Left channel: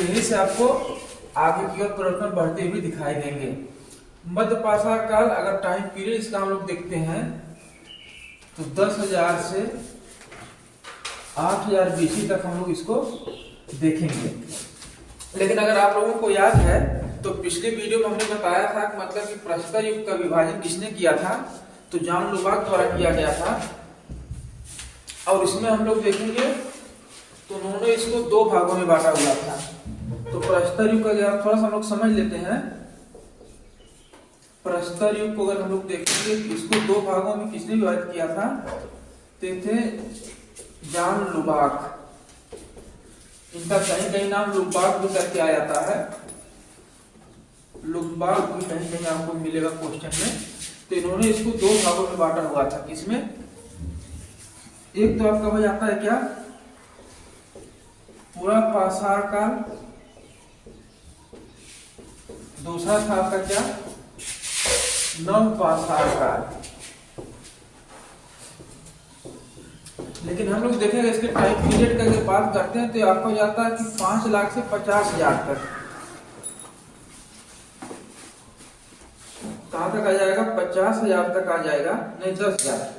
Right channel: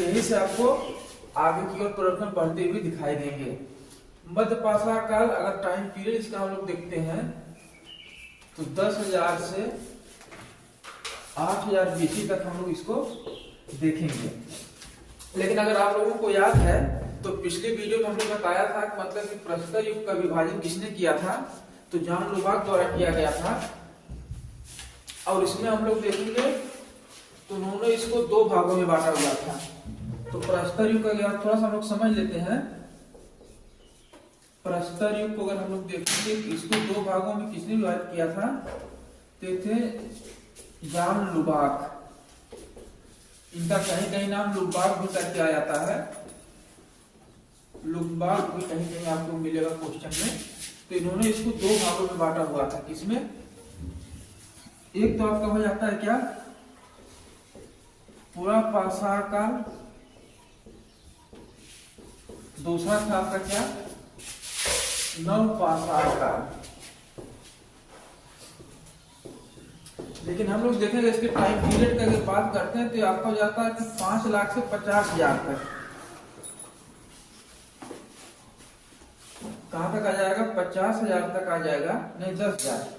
यहीं से आपको आगे की ओर परिवर्तन बढ़ते हुए दिखाई देंगे। मध्य पाषाण काल, अगर टाइम पीरियड इसका हम लोग देखते हैं तो 10,000 से 8,000 BC तक हम लोग इसको देखेंगे। लेकिन अगर आप लोगों को याद है तो पिछले वीडियो में हमने बताया था मतलब कि प्रस्तुत युग का विभाजन किसने किया था, तो जॉन लुबाक द्वारा किया गया था। और इसमें हम लोग देखेंगे तो उन्होंने इसको 2 भागों में बांटा हुआ था। तो प्रस्तुत युग का क्या थोड़ा सा हम लोग समझ लेते हैं। प्रस्तुत युग को अगर हम लोग देखेंगे इसको 2 भागों में किसने विभाजित किया था, तो थे जॉन लुबाक। इनका कहीं कहीं नाम लुबाक भी करके आ जाता है, लुबाक भी कहीं कहीं आपको मिलेगा क्वेश्चन में। तो इन्होंने इसको 2 भागों में बांटा हुआ था। किसमें, एक तो आपका हो जाता है क्या पूरा पाषाण काल, दूसरा था आपका क्या नव पाषाण काल। लेकिन हम लोग देखेंगे इसके टाइम पीरियड का अगर बात करते हैं तो आपका हो जाता है कि 5 लाख से 50,000 तक। कहां तक आ जाएगा, 50,000 तक आ जाएगा, नहीं 10,000।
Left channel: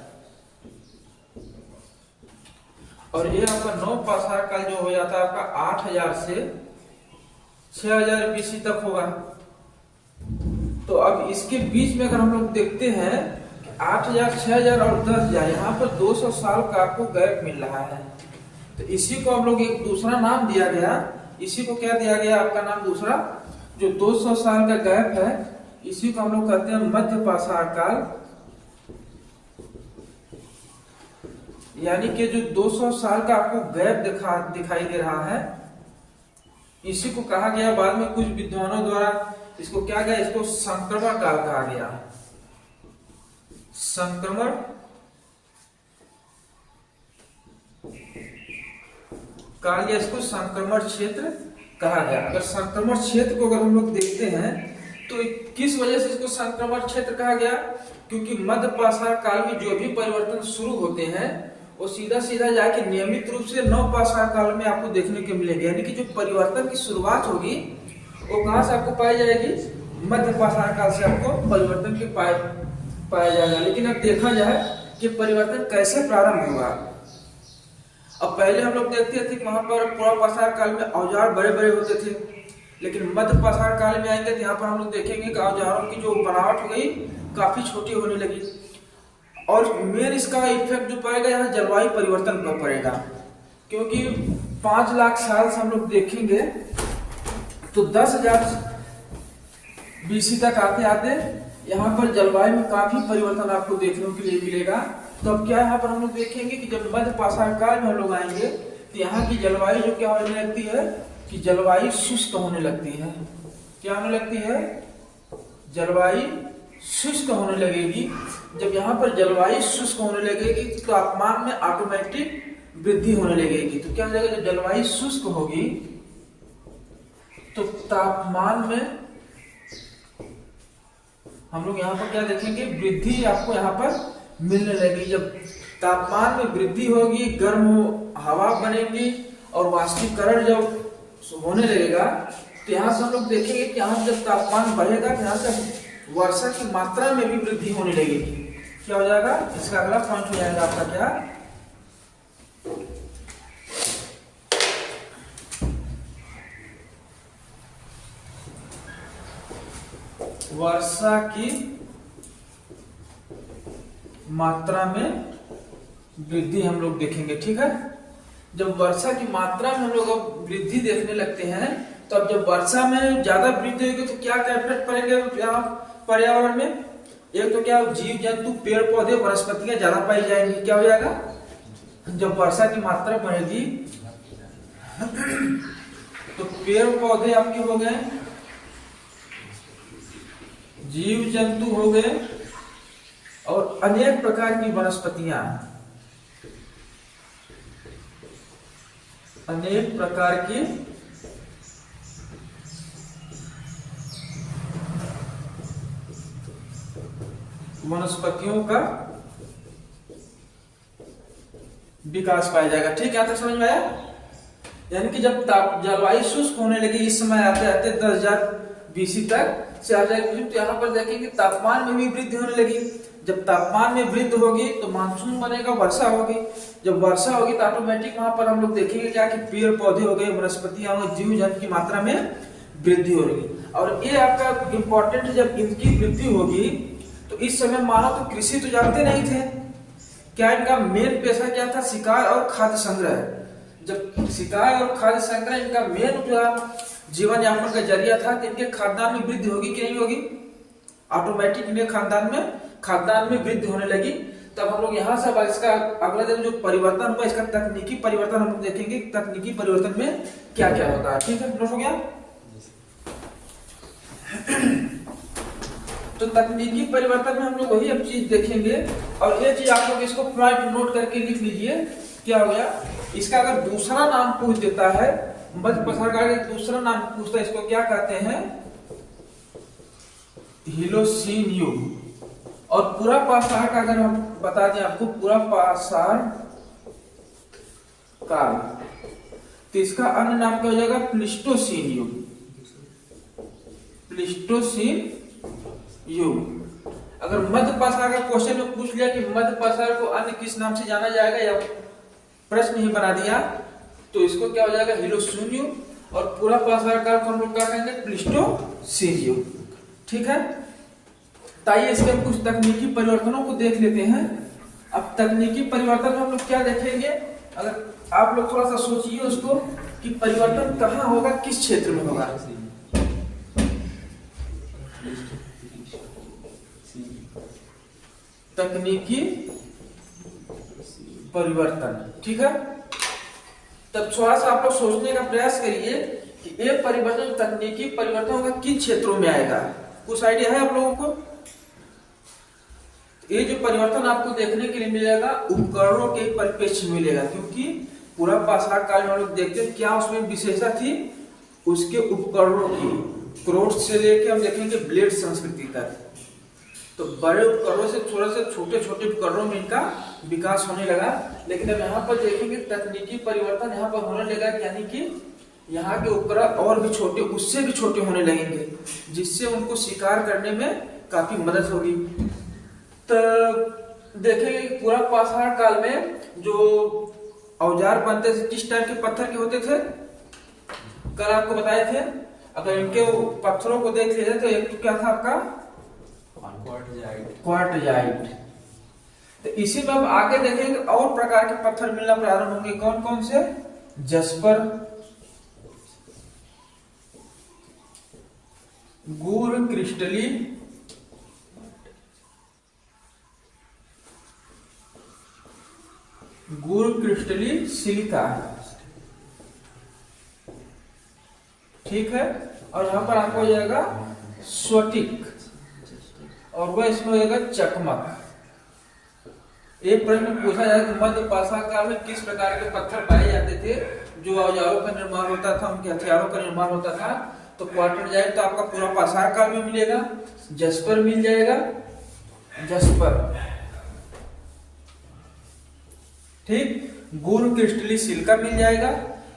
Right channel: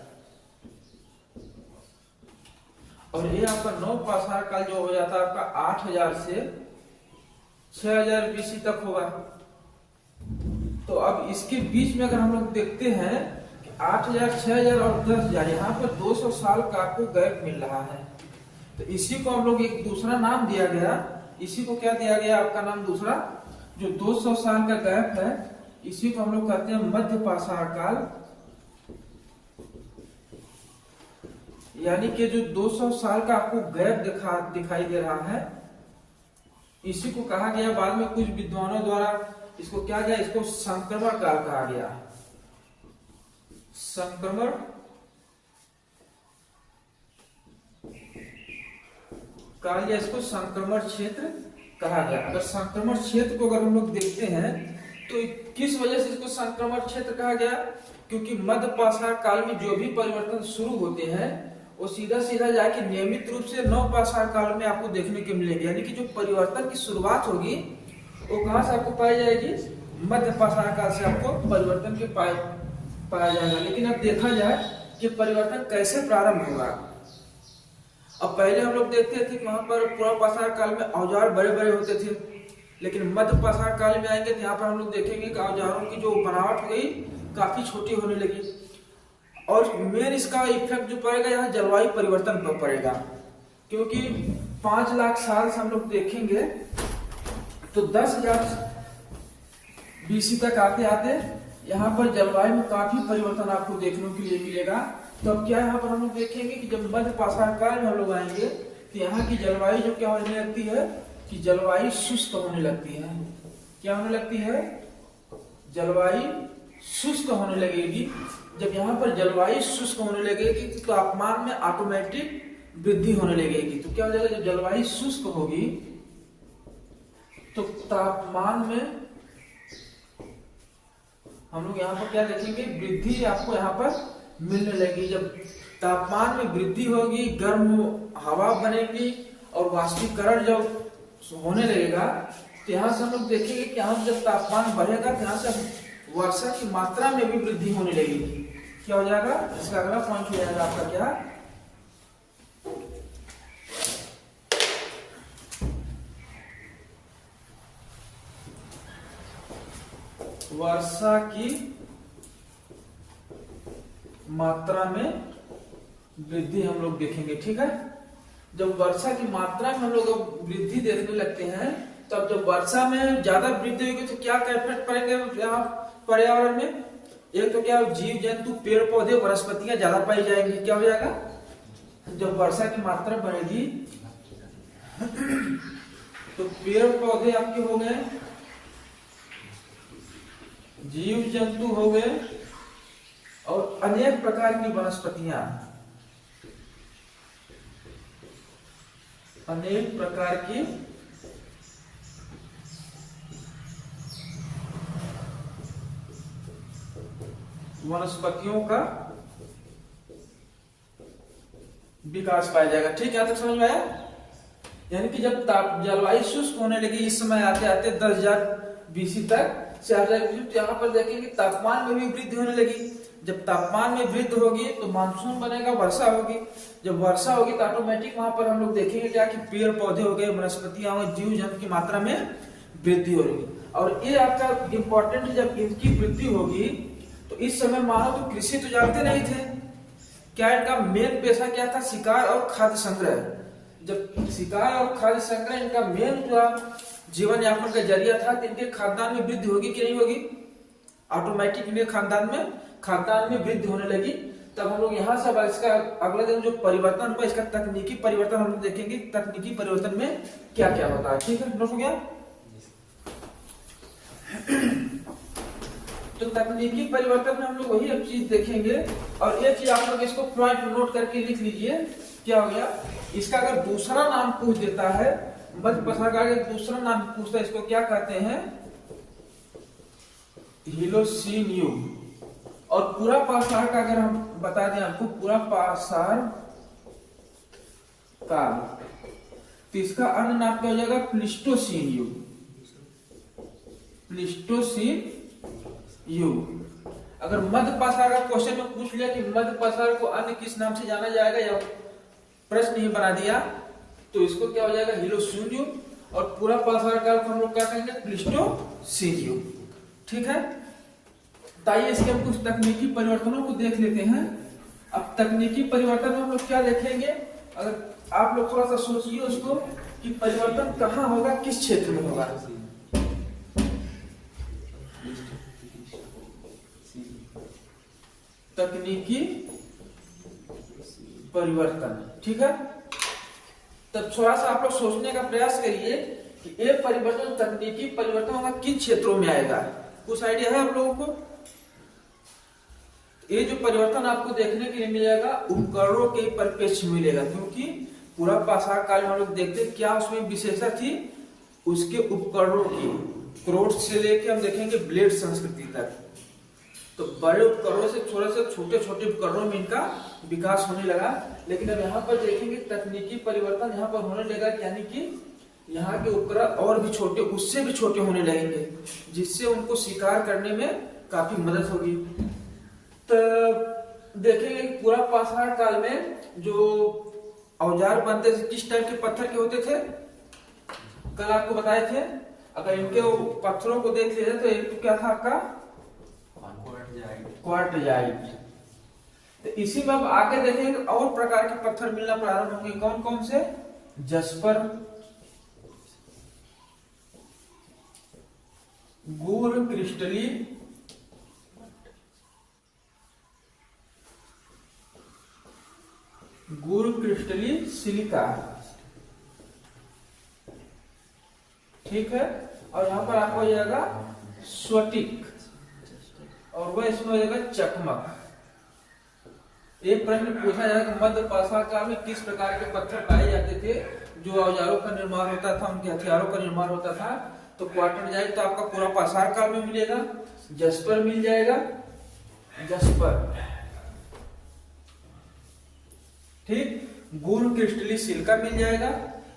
और ये आपका नौ पाषाण काल जो हो जाता है आपका 8,000 से 6,000 BC तक होगा। तो अब इसके बीच में अगर हम लोग देखते हैं 8,000, 6,000 और 10,000, यहाँ पर 200 साल का आपको गैप मिल रहा है। तो इसी को हम लोग एक दूसरा नाम दिया गया, इसी को क्या दिया गया आपका नाम दूसरा, जो 200 साल का गैप है इसी को हम लोग कहते हैं मध्य पाषाण काल। यानी कि जो 200 साल का आपको गैप दिखाई दे रहा है इसी को कहा गया, बाद में कुछ विद्वानों द्वारा इसको क्या गया, इसको संक्रमण काल कहा गया। संक्रमण काल या इसको संक्रमण क्षेत्र कहा गया। अगर संक्रमण क्षेत्र को अगर हम लोग देखते हैं तो किस वजह से इसको संक्रमण क्षेत्र कहा गया, क्योंकि मध्य पाषाण काल में जो भी परिवर्तन शुरू होते हैं वो सीधा सीधा जाके नियमित रूप से नव पाषाण काल में आपको देखने को मिलेंगे। यानी कि जो परिवर्तन की शुरुआत होगी वो कहां से आपको पाई जाएगी, मध्य पाषाण काल से आपको परिवर्तन की पाया जाएगा। लेकिन अब देखा जाए कि परिवर्तन कैसे प्रारंभ हुआ। अब पहले हम लोग देखते थे कि वहां पर पूरा पाषाण काल में औजार बड़े बड़े होते थे, लेकिन मध्य पाषाण काल में आएंगे तो यहाँ पर हम लोग देखेंगे कि औजारों की जो बनावट हो गई काफी छोटी होने लगी। और मेन इसका इफेक्ट जो पड़ेगा यहाँ जलवायु परिवर्तन पर पड़ेगा, क्योंकि 5 लाख साल से हम लोग देखेंगे तो 10,000 BC तक आते आते यहाँ पर जलवायु में काफी परिवर्तन आपको देखने के लिए मिलेगा। तो अब क्या यहाँ पर हम लोग देखेंगे कि जब मध्य पाषाण काल में हम लोग आएंगे तो यहाँ की जलवायु जो क्या होने लगती है कि जलवायु शुष्क होने लगती है। क्या होने लगती है, जलवायु शुष्क होने लगेगी। जब यहाँ पर जलवायु शुष्क होने लगेगी तो तापमान में ऑटोमेटिक वृद्धि होने लगेगी। तो क्या हो जाएगा, जब जलवायु शुष्क होगी तो तापमान में हम लोग यहाँ पर क्या देखेंगे, वृद्धि आपको यहाँ पर मिलने लगेगी। जब तापमान में वृद्धि होगी, गर्म हवा बनेगी और वाष्पीकरण जब होने लगेगा तो यहाँ से हम लोग देखेंगे कि यहाँ जब तापमान बढ़ेगा तो यहाँ से वर्षा की मात्रा में भी वृद्धि होने लगेगी। क्या हो जाएगा, इसका अगला पॉइंट हो जाएगा आपका क्या, वर्षा की मात्रा में वृद्धि हम लोग देखेंगे। ठीक है, जब वर्षा की मात्रा में हम लोग वृद्धि देखने लगते हैं तो अब जब वर्षा में ज्यादा वृद्धि होगी तो क्या इफेक्ट पड़ेगा यहाँ पर्यावरण में। एक तो क्या, जीव जंतु पेड़ पौधे वनस्पतियां ज्यादा पाई जाएंगी। क्या हो जाएगा, जब वर्षा की मात्रा बढ़ेगी तो पेड़ पौधे आपके हो गए, जीव जंतु हो गए और अनेक प्रकार की वनस्पतियां, अनेक प्रकार की वनस्पतियों का विकास पाया जाएगा। ठीक है, तो समझ में आया। यानी कि जब जलवायु शुष्क होने लगी, इस समय आते आते 10,000 BC तक से आ जाएगी, तो यहाँ पर देखेंगे तापमान में भी वृद्धि होने लगी। जब तापमान में वृद्धि होगी तो मानसून बनेगा, वर्षा होगी। जब वर्षा होगी तो ऑटोमेटिक वहां पर हम लोग देखेंगे क्या कि पेड़ पौधे हो गए, वनस्पतियां हो, जीव जंतु की मात्रा में वृद्धि होगी। और ये आपका इंपॉर्टेंट, जब इनकी वृद्धि होगी तो इस समय मानव तो कृषि तो जानते नहीं थे, क्या इनका मेन पेशा क्या था? शिकार और खाद्य संग्रह। जब शिकार और खाद्य संग्रह इनका मेन जो जीवन यापन का जरिया था, तो इनके खाद्यान्न में वृद्धि होगी कि नहीं होगी? ऑटोमेटिक इनके खाद्यान्न में वृद्धि होने लगी। तब हम लोग यहाँ से अब इसका अगला दिन जो परिवर्तन हुआ, इसका तकनीकी परिवर्तन हम लोग देखेंगे, तकनीकी परिवर्तन में क्या क्या होता है। ठीक है, नोट हो गया? तो तकनीकी परिवर्तन में हम लोग वही अब चीज देखेंगे। और ये चीज आप लोग इसको पॉइंट नोट करके लिख लीजिए। क्या हो गया? इसका अगर दूसरा नाम पूछ देता है, मध्य पसार का दूसरा नाम पूछता है, इसको क्या कहते हैं? हीलोसीन युग। और पूरा पाषाण का अगर हम बता दें आपको, पूरा पाषाण काल, तो इसका अन्य नाम क्या हो जाएगा? प्लीस्टोसीन युग। प्लीस्टोसीन युग। अगर मध्य पाषाण का क्वेश्चन में पूछ लिया कि मध्य पाषाण को अन्य किस नाम से जाना जाएगा, या प्रश्न ही बना दिया, तो इसको क्या हो जाएगा? हीलोसीन युग। और पूरा पाषाण काल को हम लोग क्या कहेंगे? प्लीस्टोसीन युग। ठीक है, ताइए इसके कुछ तकनीकी परिवर्तनों को देख लेते हैं। अब तकनीकी परिवर्तन में हम लोग क्या देखेंगे? अगर आप लोग थोड़ा सा सोचिए उसको कि परिवर्तन कहाँ होगा, किस क्षेत्र में होगा। तकनीकी परिवर्तन, ठीक है। तब थोड़ा सा आप लोग सोचने का प्रयास करिए कि ये परिवर्तन, तकनीकी परिवर्तन होगा, किन क्षेत्रों में आएगा। कुछ आइडिया है आप लोगों को? ये जो परिवर्तन आपको देखने के लिए मिलेगा, उपकरणों के परिप्रेक्ष्य मिलेगा, क्योंकि पूरा पाषाण काल में हम लोग देखते हैं क्या उसमें विशेषता थी, उसके उपकरणों की। क्रोध से लेके हम देखेंगे ब्लेड संस्कृति तक, तो बड़े उपकरणों से थोड़ा सा छोटे छोटे उपकरणों में इनका विकास होने लगा। लेकिन अब यहाँ पर देखेंगे तकनीकी परिवर्तन यहाँ पर होने लगा, यानी कि यहाँ के उपकरण और भी छोटे, उससे भी छोटे होने लगेंगे, जिससे उनको शिकार करने में काफी मदद होगी। तो देखेंगे पूरा पाषाण काल में जो औजार बनते थे, किस टाइप के पत्थर के होते थे? कल आपको बताए थे। अगर इनके पत्थरों को देख लिया जाए तो एक क्या था आपका? क्वार्टजाइट। तो इसी में अब आगे देखेंगे और प्रकार के पत्थर मिलना प्रारंभ होंगे। कौन कौन से? जस्पर, गूर क्रिस्टली, सिलिका, ठीक है। और यहाँ पर आपको हो जाएगा स्फटिक, और वह इसमें हो जाएगा चकमक। एक प्रश्न पूछा जाए कि मध्य पाषाण काल में किस प्रकार के पत्थर पाए जाते थे जो औजारों का निर्माण होता था, उनके हथियारों का निर्माण होता था? तो क्वार्टरजाइट तो आपका पूरा पाषाण काल में मिलेगा, जस्पर मिल जाएगा, जस्पर, ठीक। गूर क्रिस्टली सिलिका मिल जाएगा,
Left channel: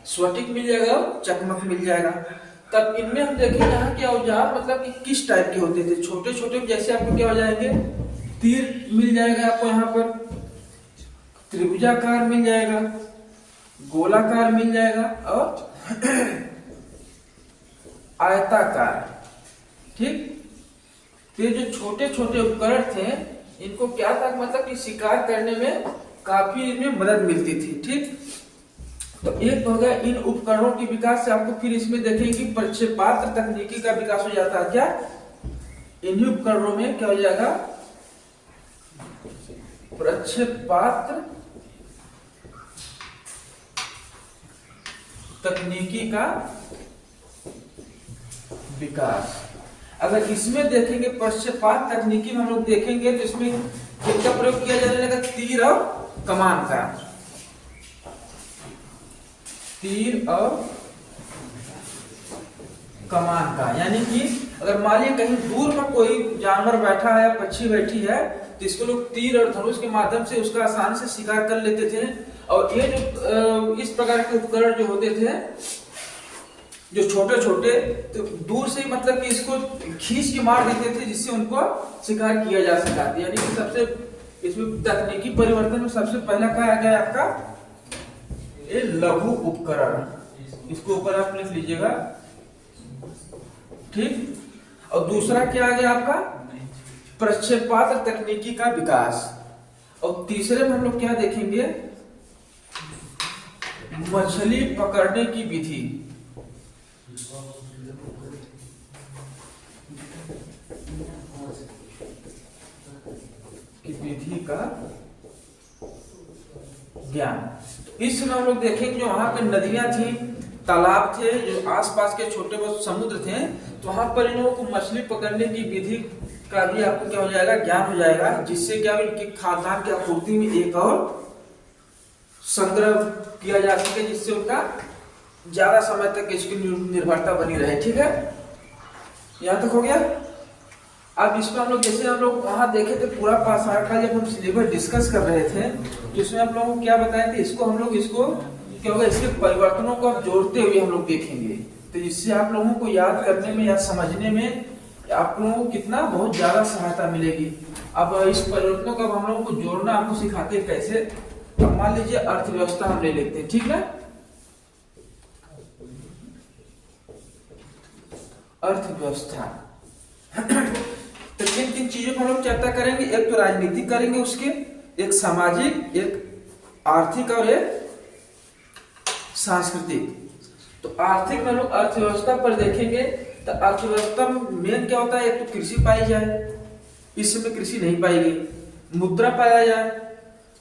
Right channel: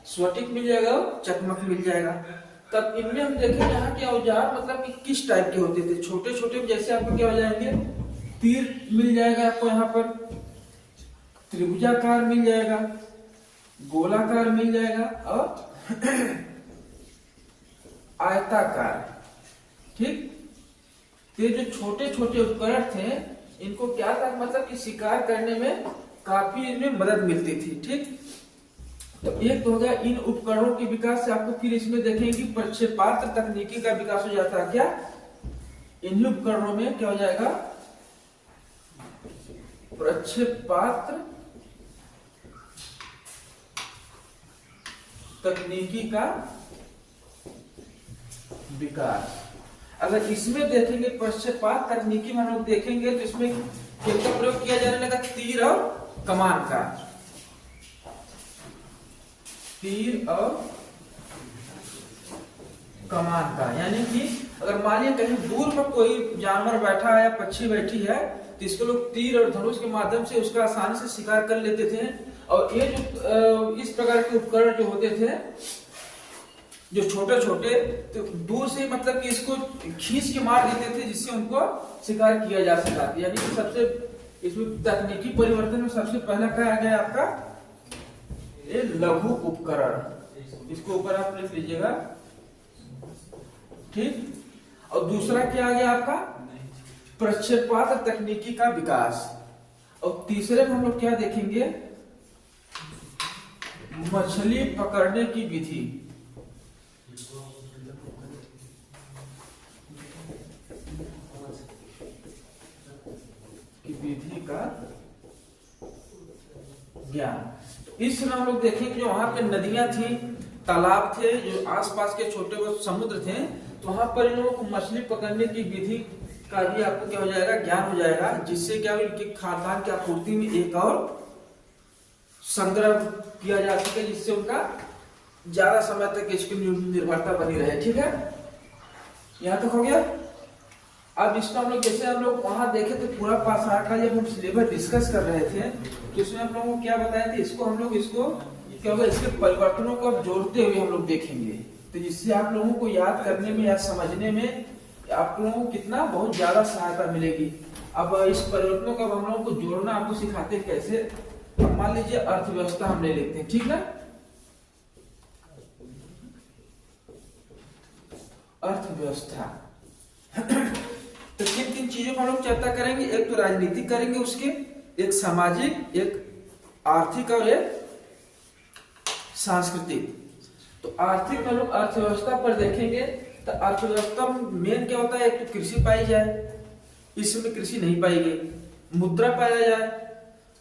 स्फटिक मिल जाएगा, चकमक मिल जाएगा। तब इनमें हम देखें यहाँ के औजार मतलब कि किस टाइप के होते थे। छोटे छोटे जैसे आपको क्या हो जाएंगे? तीर मिल जाएगा आपको यहाँ पर, त्रिभुजाकार मिल जाएगा, गोलाकार मिल जाएगा और आयताकार, ठीक। ये जो छोटे छोटे उपकरण थे, इनको क्या था मतलब कि शिकार करने में काफी इनमें मदद मिलती थी, ठीक। तो एक हो गया इन उपकरणों के विकास से। आपको फिर इसमें देखेंगे प्रक्षेपात्र तकनीकी का विकास हो जाता है। क्या इन्हीं उपकरणों में क्या हो जाएगा? प्रक्षेपात्र तकनीकी का विकास। अगर इसमें देखेंगे प्रक्षेपात्र तकनीकी में हम लोग देखेंगे तो इसमें किसका प्रयोग किया जाने लगा? तीर और कमान का, तीर और कमान का। यानी कि अगर मान लीजिए कहीं दूर पर कोई जानवर बैठा है या पक्षी बैठी है, तो इसको लोग तीर और धनुष के माध्यम से उसका आसानी से शिकार कर लेते थे। और ये जो इस प्रकार के उपकरण जो होते थे, जो छोटे छोटे, तो दूर से मतलब कि इसको खींच के मार देते थे, जिससे उनको शिकार किया जा सका। यानी कि सबसे इसमें तकनीकी परिवर्तन में सबसे पहला क्या आ गया आपका, ये लघु उपकरण। इसको ऊपर आप लिख लीजिएगा, ठीक। और दूसरा क्या आ गया आपका, प्रक्षेपात्र तकनीकी का विकास। और तीसरे में हम लोग क्या देखेंगे, मछली पकड़ने की विधि। की विधि का ज्ञान। तो इसमें हम लोग देखें कि जो वहां पे नदियां थी, तालाब थे, जो आसपास के छोटे बहुत समुद्र थे, तो वहां पर इन लोगों को मछली पकड़ने की विधि का भी आपको क्या हो जाएगा, ज्ञान हो जाएगा, जिससे क्या इनकी खाद्यान्न की आपूर्ति में एक और संग्रह किया जा सके, जिससे उनका ज्यादा समय तक इसकी निर्भरता बनी रहे। ठीक है, यहां तक हो गया। अब इसको हम लोग जैसे हम लोग वहां देखे थे पूरा पासार का, जब हम सिलेबस डिस्कस कर रहे थे तो इसमें आप लोगों को क्या बताए थे, इसको हम लोग इसको क्या होगा, इसके परिवर्तनों को जोड़ते हुए हम लोग देखेंगे, तो इससे आप लोगों को याद करने में या समझने में आप लोगों को कितना बहुत ज्यादा सहायता मिलेगी। अब इस परिवर्तनों को हम लोगों को जोड़ना आपको सिखाते हैं कैसे। अब मान लीजिए अर्थव्यवस्था हम ले लेते हैं, ठीक है। अर्थव्यवस्था तो किन किन चीजों पर हम लोग चर्चा करेंगे, एक तो राजनीतिक करेंगे, उसके एक सामाजिक, एक आर्थिक और एक सांस्कृतिक। तो आर्थिक में लोग अर्थव्यवस्था पर देखेंगे, तो अर्थव्यवस्था में मेन क्या होता है, एक तो कृषि पाई जाए, इस समय कृषि नहीं पाई गई। मुद्रा पाया जाए,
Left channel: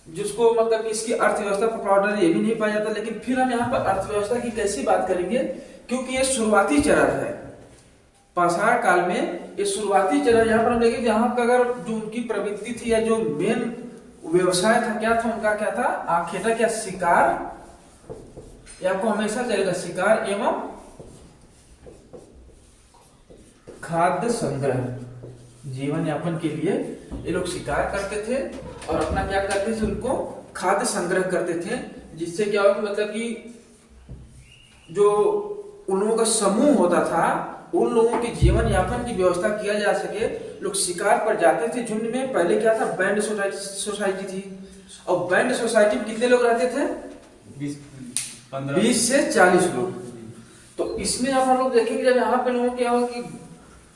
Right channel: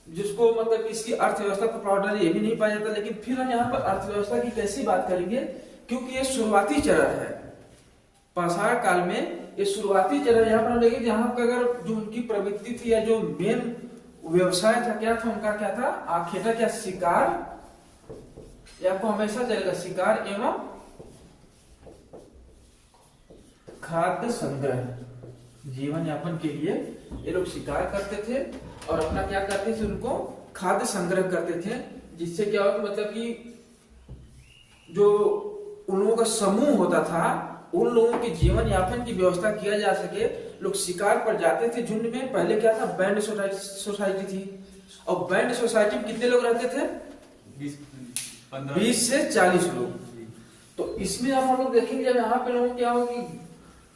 जिसको मतलब इसकी अर्थव्यवस्था पर पाउडर ये भी नहीं पाया जाता। लेकिन फिर हम यहाँ पर अर्थव्यवस्था की कैसी बात करेंगे, क्योंकि ये शुरुआती चरण है पाषाण काल में, ये शुरुआती चरण यहाँ पर हम देखेंगे, यहाँ पर अगर जो उनकी प्रवृत्ति थी या जो मेन व्यवसाय था, क्या था उनका, क्या था, आखेटा क्या, शिकार, या आपको हमेशा चलेगा शिकार एवं खाद्य संग्रह। जीवन यापन के लिए ये लोग शिकार करते थे और अपना क्या करते थे, उनको खाद्य संग्रह करते थे, जिससे क्या होगा, मतलब कि जो उन लोगों का समूह होता था, उन लोगों के जीवन यापन की व्यवस्था किया जा सके। लोग शिकार पर जाते थे झुंड में। पहले क्या था, बैंड सोसाइटी थी, और बैंड सोसाइटी में कितने लोग रहते थे, 20 से 40 लोग। तो इसमें आप हम लोग देखेंगे, जब यहाँ पे लोगों क्या होगा कि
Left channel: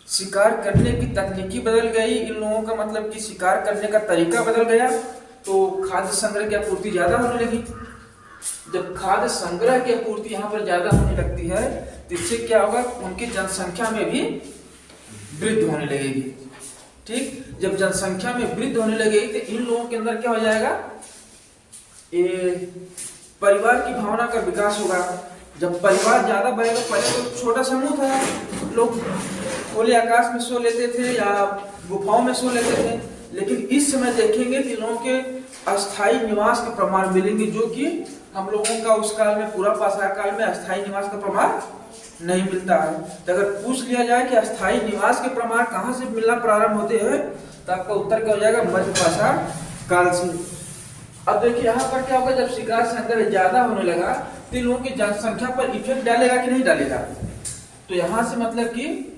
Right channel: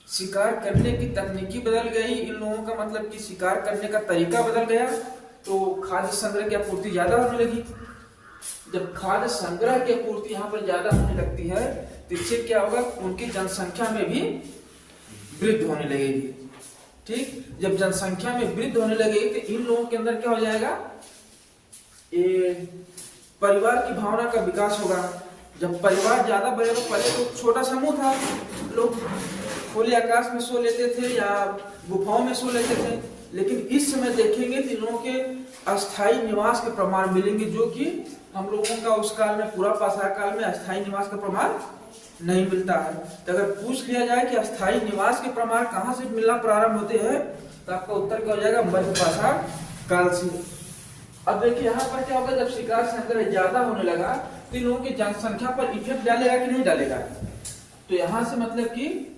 शिकार करने की तकनीकी बदल गई, इन लोगों का मतलब कि शिकार करने का तरीका बदल गया, तो खाद्य संग्रह की आपूर्ति ज्यादा होने लगी। जब खाद्य संग्रह की आपूर्ति यहाँ पर ज्यादा होने लगती है, तो इससे क्या होगा, उनकी जनसंख्या में भी वृद्धि होने लगेगी। ठीक, जब जनसंख्या में वृद्धि होने लगेगी तो इन लोगों के अंदर क्या हो जाएगा, ये परिवार की भावना का विकास होगा। जब परिवार ज्यादा बढ़ेगा, पहले तो छोटा समूह था, लोग खुले आकाश में सो लेते थे या गुफाओं में सो लेते थे, लेकिन इस समय देखेंगे कि लोगों के अस्थायी निवास के प्रमाण मिलेंगे, जो कि हम लोगों का उस काल में, पूरा पाषाण काल में अस्थायी निवास का प्रमाण नहीं मिलता है। तो अगर पूछ लिया जाए कि अस्थायी निवास के प्रमाण कहाँ से मिलना प्रारंभ होते हैं, तो आपका उत्तर क्या हो जाएगा, मध्य पाषाण काल से। अब देखिए यहाँ पर क्या होगा, जब शिकार संग्रह ज्यादा होने लगा, तो लोगों की जनसंख्या पर इफेक्ट डालेगा कि नहीं डालेगा। तो यहाँ से मतलब कि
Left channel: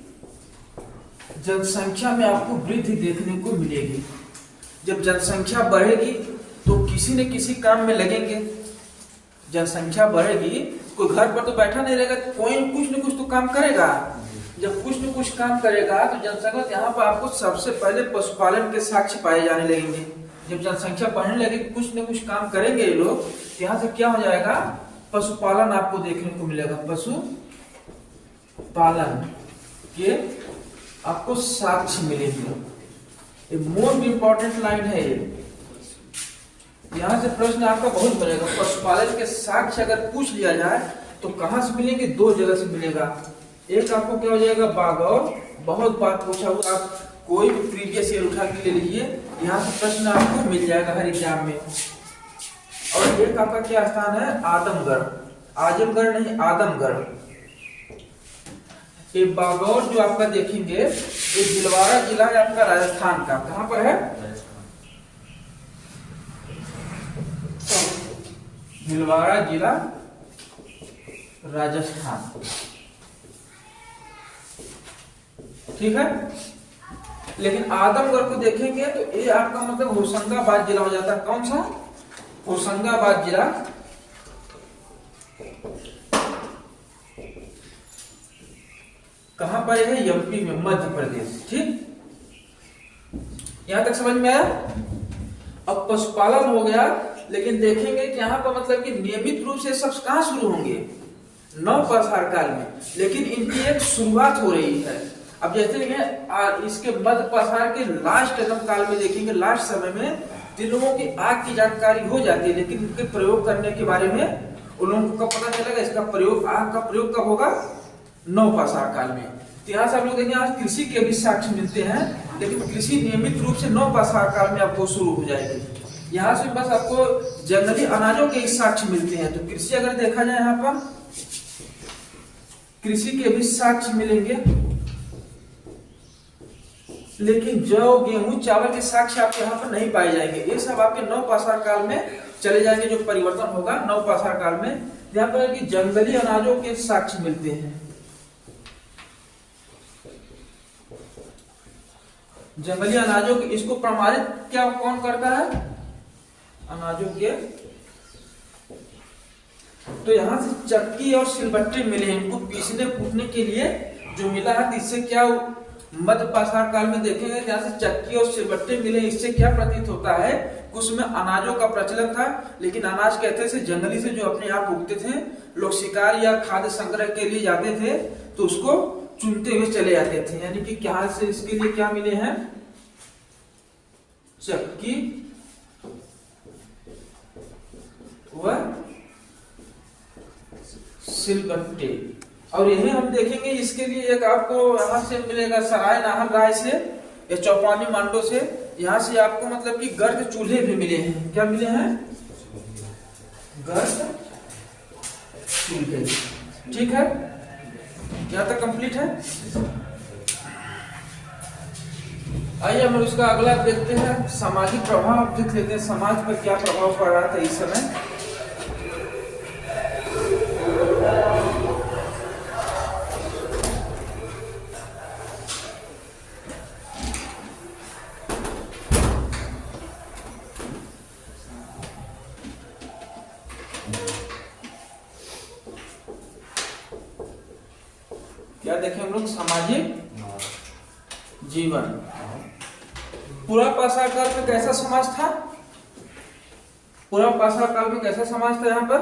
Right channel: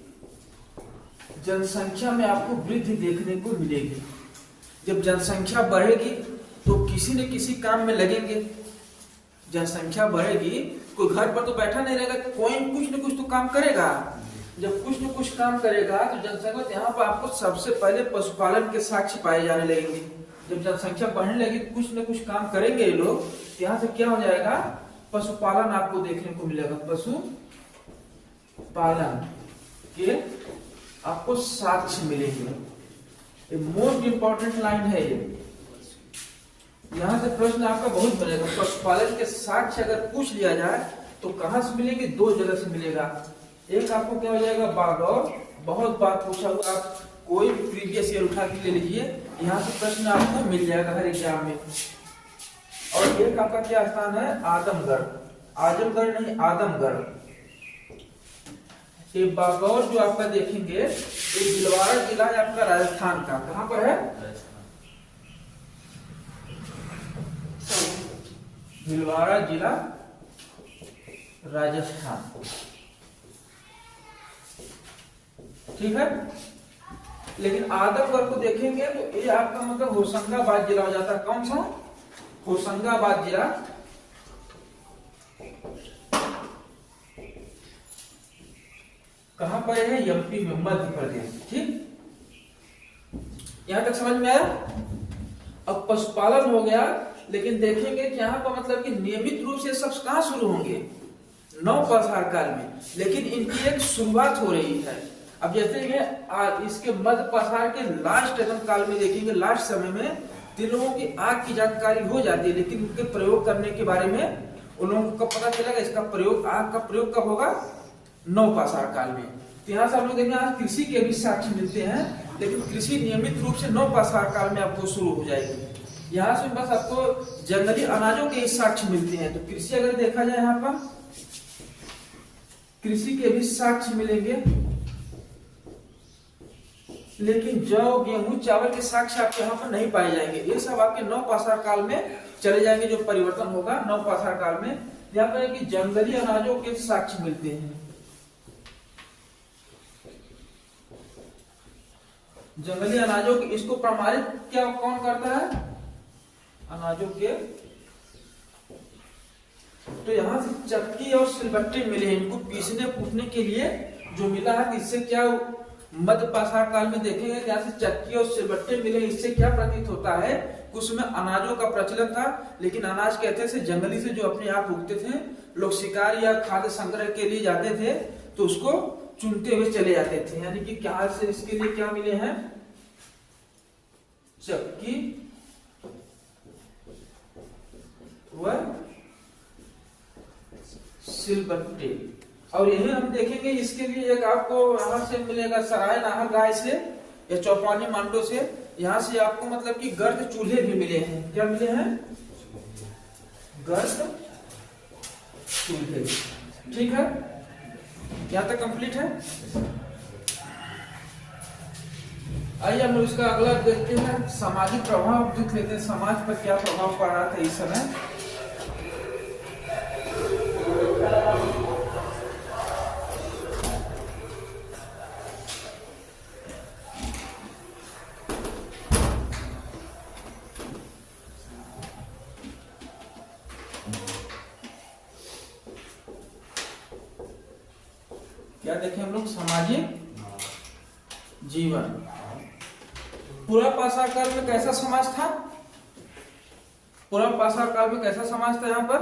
जनसंख्या में आपको वृद्धि देखने को मिलेगी। जब जनसंख्या बढ़ेगी तो किसी न किसी काम में लगेंगे। जनसंख्या बढ़ेगी, कोई घर पर तो बैठा नहीं रहेगा, कोई कुछ न कुछ तो काम करेगा। जब कुछ न कुछ काम करेगा तो जनसंख्या, यहाँ पर आपको सबसे पहले पशुपालन के साक्ष्य पाए जाने लगेंगे। जब जनसंख्या बढ़ने लगेगी, कुछ न कुछ काम करेंगे ये लोग, तो यहाँ से क्या हो जाएगा, पशुपालन आपको देखने को मिलेगा। पशुपालन के आपको साक्ष्य मिलेंगे। ये मोस्ट इंपॉर्टेंट लाइन है ये, यहाँ से प्रश्न आपका बहुत बनेगा। पशुपालन के साक्ष्य अगर पूछ लिया जाए तो कहाँ से मिलेंगे, दो जगह से मिलेगा। एक आपको क्या हो जाएगा, बागौर, बहुत बार पूछा हुआ, आप कोई भी प्रीवियस ईयर उठा के ले लीजिए, यहाँ से प्रश्न आपको मिल जाएगा हर एग्जाम में। और एक आपका क्या स्थान है, आदमगढ़, आजमगढ़ नहीं आदमगढ़। ये बागौर जो आपका देखेंगे, ये भीलवाड़ा जिला है आपका राजस्थान का। कहाँ पर है, भीलवाड़ा जिला राजस्थान। ठीक है, लेकिन आदमगढ़ को देखेंगे तो ये आपका मतलब होशंगाबाद जिला हो जाता है। कौन सा? होशंगाबाद जिला। कहां पर है? एमपी में, मध्य प्रदेश। ठीक, यहां तक समझ में आया। अब पशुपालन हो गया, लेकिन देखेंगे कि यहाँ पर मतलब कि नियमित रूप से सब कहां शुरू होंगे? नवपाषाण काल में, लेकिन इनकी एक शुरुआत हो रही है। अब जैसे ये इसके मध्यपाषाण के लास्ट एकदम काल में देखेंगे, लास्ट समय में तीनों की आग की जानकारी हो जाती है, लेकिन उनके प्रयोग करने के बारे में उन लोगों को कब पता चलेगा? इसका प्रयोग, आग का प्रयोग कब होगा? नवपाषाण काल में। तो यहाँ से आप लोग देखेंगे आज कृषि के भी साक्ष्य मिलते हैं, लेकिन कृषि नियमित रूप से नवपाषाण काल में आपको शुरू हो जाएगी। यहाँ से बस आपको जंगली अनाजों के साक्ष्य मिलते हैं। तो कृषि अगर देखा जाए, यहाँ पर कृषि के भी साक्ष्य मिलेंगे, लेकिन जौ, गेहूं, चावल के साक्ष्य आपके यहाँ पर नहीं पाए जाएंगे। ये सब आपके नवपाषाण काल में चले जाएंगे। जो परिवर्तन होगा नवपाषाण काल में, यहाँ पर कि जंगली अनाजों के साक्ष्य मिलते हैं। जंगली अनाजों के, इसको प्रमाणित क्या कौन करता है? अनाजों के। तो यहाँ से चक्की और सिलबट्टे मिले हैं, इनको पीसने कूटने के लिए जो मिला है। इससे क्या मध्यपाषाण काल में देखेंगे, यहाँ से चक्की और सिलबट्टे मिले। इससे क्या प्रतीत होता है? उसमें अनाजों का प्रचलन था, लेकिन अनाज कहते थे जंगली से जो अपने आप उगते थे। लोग शिकार या खाद्य संग्रह के लिए जाते थे तो उसको चुनते हुए चले जाते थे। यानी कि क्या से इसके लिए क्या मिले हैं? चक्की व सिलबट्टे। और यही हम देखेंगे, इसके लिए एक आपको यहाँ से मिलेगा सराय नाहर राय से या चौपानी मांडो से। यहाँ से आपको मतलब कि गर्द चूल्हे भी मिले हैं। क्या मिले हैं? गर्द चूल्हे। ठीक है, यहाँ तक कंप्लीट है। आइए हम उसका अगला देखते हैं, सामाजिक प्रभाव देख लेते हैं। समाज पर क्या प्रभाव पड़ रहा था इस समय। क्या देखें हम लोग? सामाजिक जीवन। पुरापाषाण काल में कैसा समाज था? पुरापाषाण काल में कैसा समाज था? यहाँ पर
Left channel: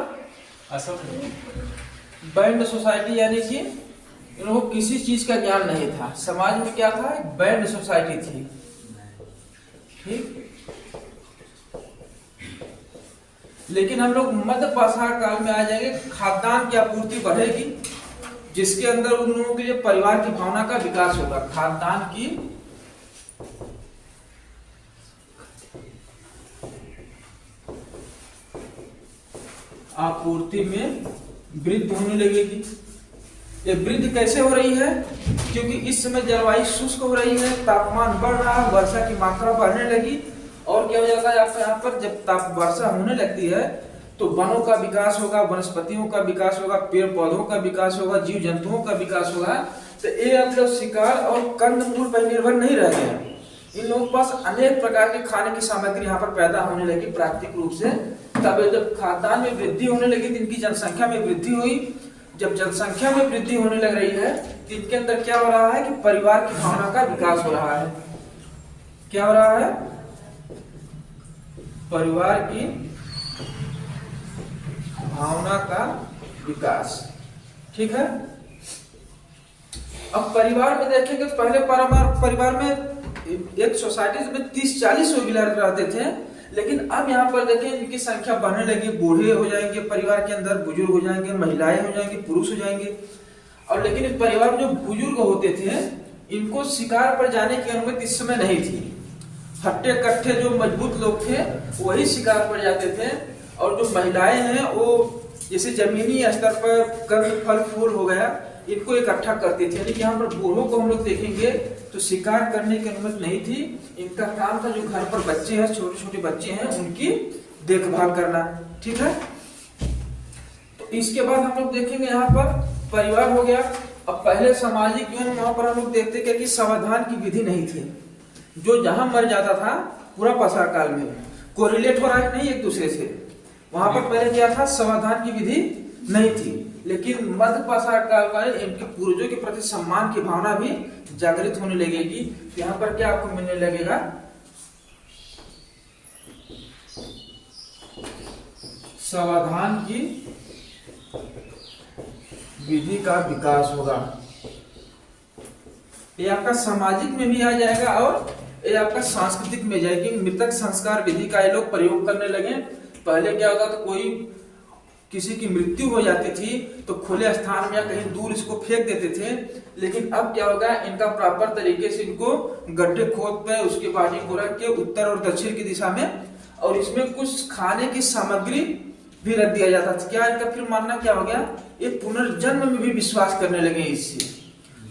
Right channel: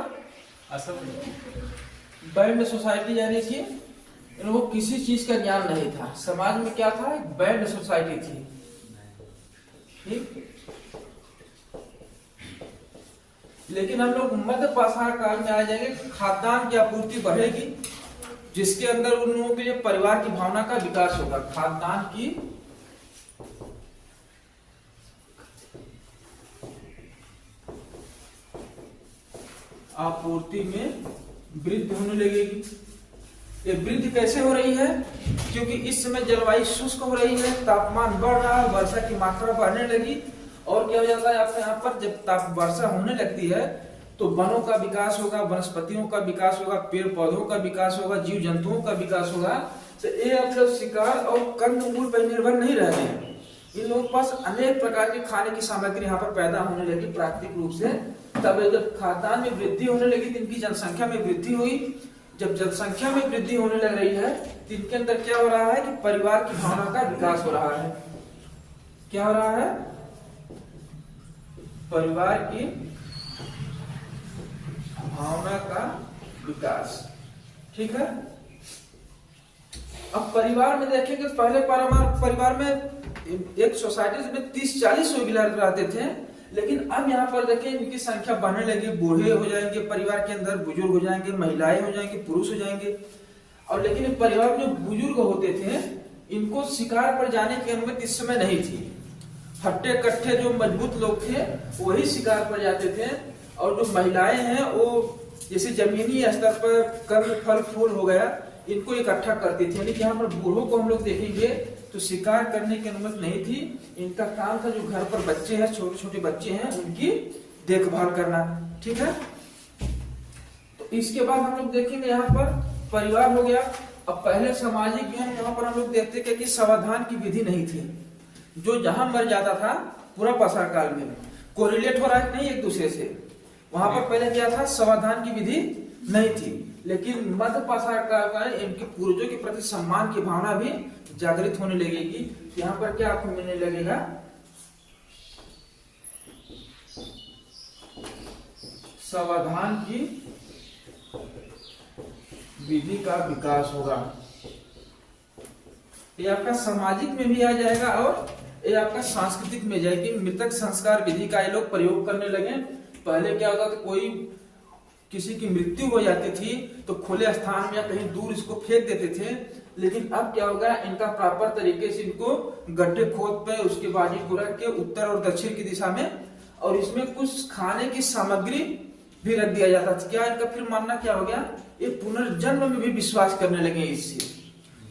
बैंड सोसाइटी, यानी कि इन लोगों को किसी चीज का ज्ञान नहीं था। समाज में क्या था? बैंड सोसाइटी थी। ठीक, लेकिन हम लोग मध्यपाषाण काल में आ जाएंगे, खाद्यान्न की आपूर्ति बढ़ेगी, जिसके अंदर उन लोगों के लिए परिवार की भावना का विकास होगा। खाद्यान्न की आपूर्ति में वृद्धि होने लगेगी। ये वृद्धि कैसे हो रही है? क्योंकि इस समय जलवायु शुष्क हो रही है, तापमान बढ़ रहा है, वर्षा की मात्रा बढ़ने लगी। और क्या हो जाता है आपको यहाँ पर, जब वर्षा होने लगती है तो वनों का विकास होगा, वनस्पतियों का विकास होगा, पेड़ पौधों का विकास होगा, जीव जंतुओं का विकास होगा। तो ये अब शिकार और कंदमूल पर निर्भर नहीं रह गए। इन लोगों के पास अनेक प्रकार के खाने की सामग्री यहाँ पर पैदा होने लगी प्राकृतिक रूप से। तब जब खाद्यान्न में वृद्धि होने लगी तो इनकी जनसंख्या में वृद्धि हुई। जब जनसंख्या में वृद्धि होने लग रही है तो इनके अंदर क्या हो रहा है कि परिवार की भावना का विकास हो रहा है। क्या हो रहा है? परिवार की भावना का विकास। ठीक है, अब परिवार में देखेंगे तो पहले परिवार में एक सोसाइटी में 30-40 लोग रहते थे, लेकिन अब यहाँ पर देखिए इनकी संख्या बढ़ने लगी। बूढ़े हो जाएंगे परिवार के अंदर, बुजुर्ग हो जाएंगे, महिलाएं हो जाएंगे, पुरुष हो जाएंगे। और लेकिन इस परिवार में जो बुजुर्ग होते थे, इनको शिकार पर जाने की अनुमति इस समय नहीं थी। हट्टे कट्टे जो मजबूत लोग थे वही शिकार पर जाते थे। और जो महिलाएं हैं वो जैसे जमीनी स्तर पर कंद फल फूल हो गया, इनको इकट्ठा करती थी। लेकिन यहाँ पर बूढ़ों को हम लोग देखेंगे तो शिकार करने की अनुमति नहीं थी। इनका काम था जो घर पर बच्चे हैं, छोटे छोटे बच्चे हैं, उनकी देखभाल करना। ठीक है, इसके बाद हम लोग देखेंगे यहाँ पर परिवार हो गया। अब पहले सामाजिक जीवन में यहाँ पर हम लोग देखते हैं कि समाधान की विधि नहीं थी। जो जहां मर जाता था पूरा पाषाण काल में कोरिलेट हो रहा है नहीं एक दूसरे से, वहां पर पहले क्या था, समाधान की विधि नहीं थी। लेकिन मध्य पाषाण काल में इनके पूर्वजों के प्रति सम्मान की भावना भी जागृत होने लगेगी। यहाँ पर क्या आपको मिलने लगेगा, समाधान की विधि का विकास होगा। ये आपका सामाजिक में भी आ जाएगा और ये आपका सांस्कृतिक में जाएगी। मृतक संस्कार विधि का ये लोग प्रयोग करने लगे। पहले क्या होता था, कोई किसी की मृत्यु हो जाती थी तो खुले स्थान में या कहीं दूर इसको फेंक देते थे। लेकिन अब क्या होगा, इनका प्रॉपर तरीके से इनको गड्ढे खोद पे उसके बॉडी को रख के उत्तर और दक्षिण की दिशा में, और इसमें कुछ खाने की सामग्री भी रख दिया जाता था। क्या इनका फिर मानना क्या हो गया, ये पुनर्जन्म में भी विश्वास करने लगे। इससे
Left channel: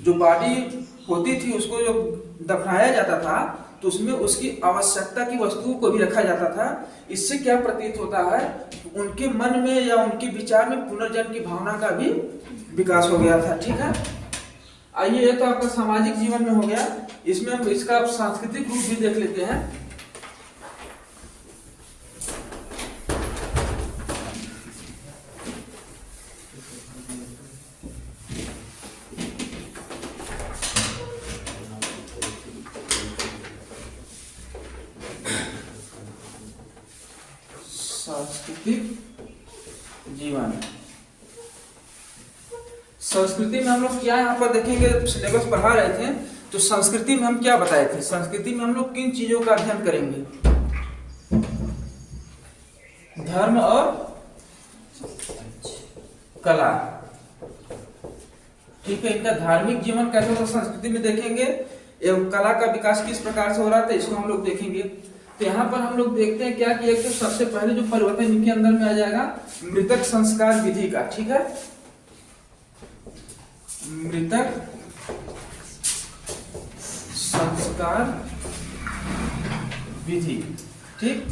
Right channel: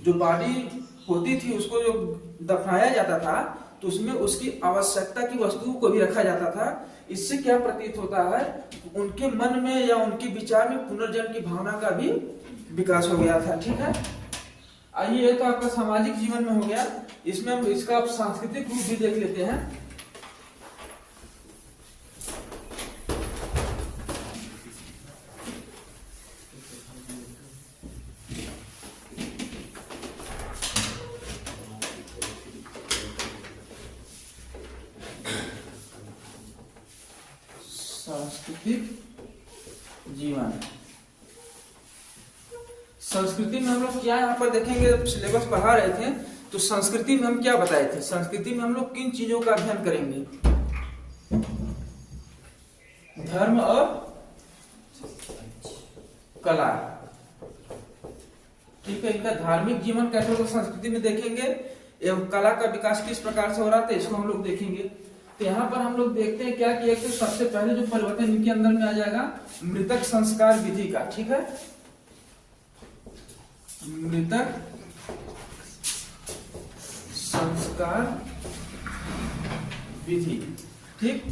जो बॉडी होती थी उसको जो दफनाया जाता था तो उसमें उसकी आवश्यकता की वस्तुओं को भी रखा जाता था। इससे क्या प्रतीत होता है, उनके मन में या उनके विचार में पुनर्जन्म की भावना का भी विकास हो गया था। ठीक है, आइए ये तो आपका सामाजिक जीवन में हो गया। इसमें हम इसका सांस्कृतिक रूप भी देख लेते हैं। सांस्कृतिक जीवन, संस्कृति में हम लोग क्या यहाँ पर देखेंगे, सिलेबस पढ़ा रहे थे तो संस्कृति में हम क्या बताए थे, संस्कृति में हम लोग किन चीजों का अध्ययन करेंगे, धर्म और कला। ठीक है, इनका धार्मिक जीवन कैसे होता संस्कृति में देखेंगे, एवं कला का विकास किस प्रकार से हो रहा था इसको हम लोग देखेंगे। तो यहाँ पर हम लोग देखते हैं क्या कि एक तो सबसे पहले जो परिवर्तन इनके अंदर में आ जाएगा मृतक संस्कार विधि का। ठीक है, मृतक संस्कार विधि। ठीक,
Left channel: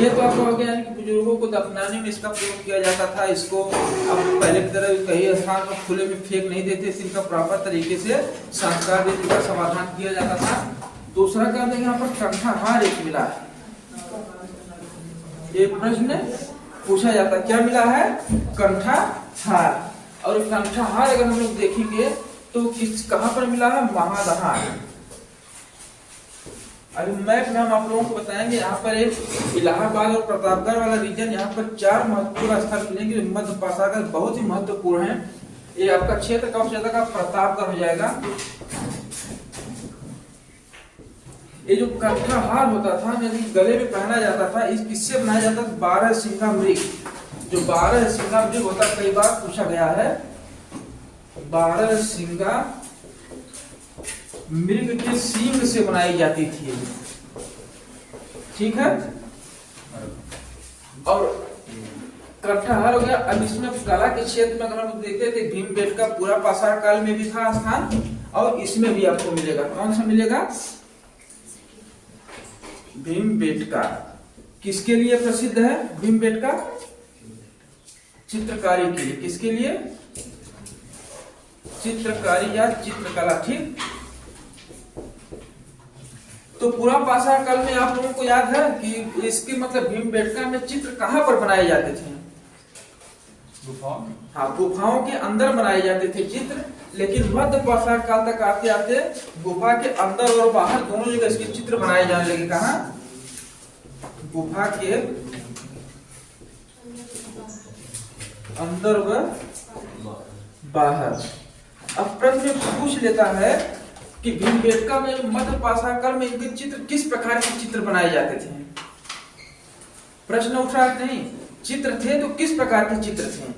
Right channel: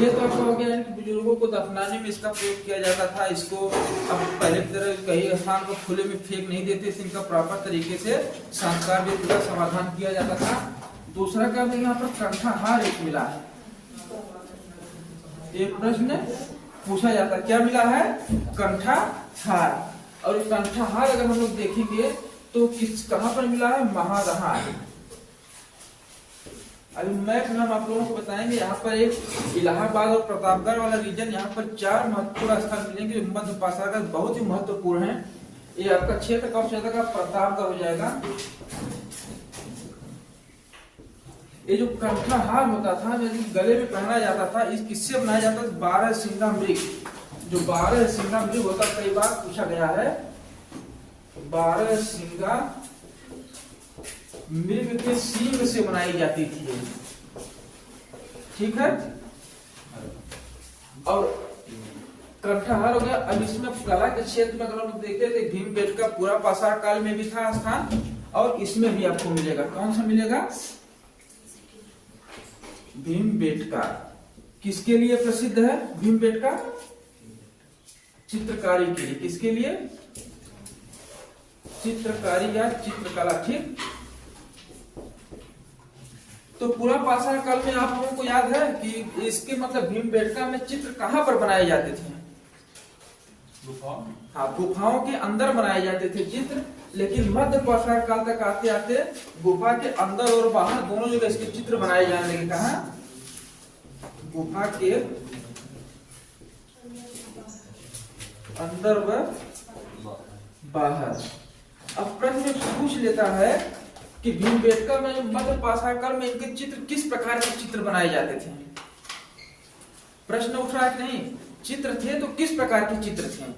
ये तो आपको हो गया है कि बुजुर्गों को दफनाने में इसका प्रयोग किया जाता था। इसको अब पहले की तरह कई स्थान को खुले में फेंक नहीं देते थे, इसका प्रॉपर तरीके से संस्कार विधि का समाधान किया जाता था। दूसरा क्या देंगे, यहाँ पर कंठाहार एक मिला है। एक प्रश्न पूछा जाता है क्या मिला है, कंठाहार। और कंठाहार अगर हम लोग देखेंगे तो किस कहां पर मिला है, महादहार। अभी मैप में हम आप लोगों को बताएंगे। यहाँ पर एक इलाहाबाद और प्रतापगढ़ वाला रीजन, यहाँ पर 4 महत्वपूर्ण स्थल मिलेंगे। मध्य पाषाण बहुत ही महत्वपूर्ण है। ये आपका क्षेत्र का क्षेत्र का प्रतापगढ़ हो जाएगा। ये जो कंठाहार होता था यदि गले में पहना जाता था, इस किससे बनाया जाता था, 12 सिंगा मृग। जो 12 सिंगा मृग होता है, कई बार पूछा गया है, 12 सिंगा मृग के सींग से बनाई जाती थी। ठीक है, और कंठाहार हो गया। अब इसमें कला के क्षेत्र में अगर हम देखते थे, भीमबेटका पूरा पाषाण काल में भी था स्थान, और इसमें भी आपको मिलेगा। कौन सा मिलेगा, भीमबेटका। किसके लिए प्रसिद्ध है भीमबेटका, चित्रकारी के लिए। किसके लिए, चित्रकारी या चित्रकला। ठीक, तो पूरा पाषाण काल में आप लोगों को याद है कि इसके मतलब भीमबेटका में चित्र कहां पर बनाए जाते थे, गुफाओं। हाँ, गुफाओं के अंदर बनाए जाते थे चित्र। लेकिन मध्य पाषाण काल तक आते आते गुफा के अंदर और बाहर दोनों जगह इसके चित्र बनाए जाने लगे। कहा, गुफा के अंदर व बाहर। अब प्रश्न पूछ लेता है कि भीमबेटका में मध्य पाषाण काल में इनके चित्र किस प्रकार के चित्र बनाए जाते थे। प्रश्न उठा है नहीं, चित्र थे तो किस प्रकार के चित्र थे।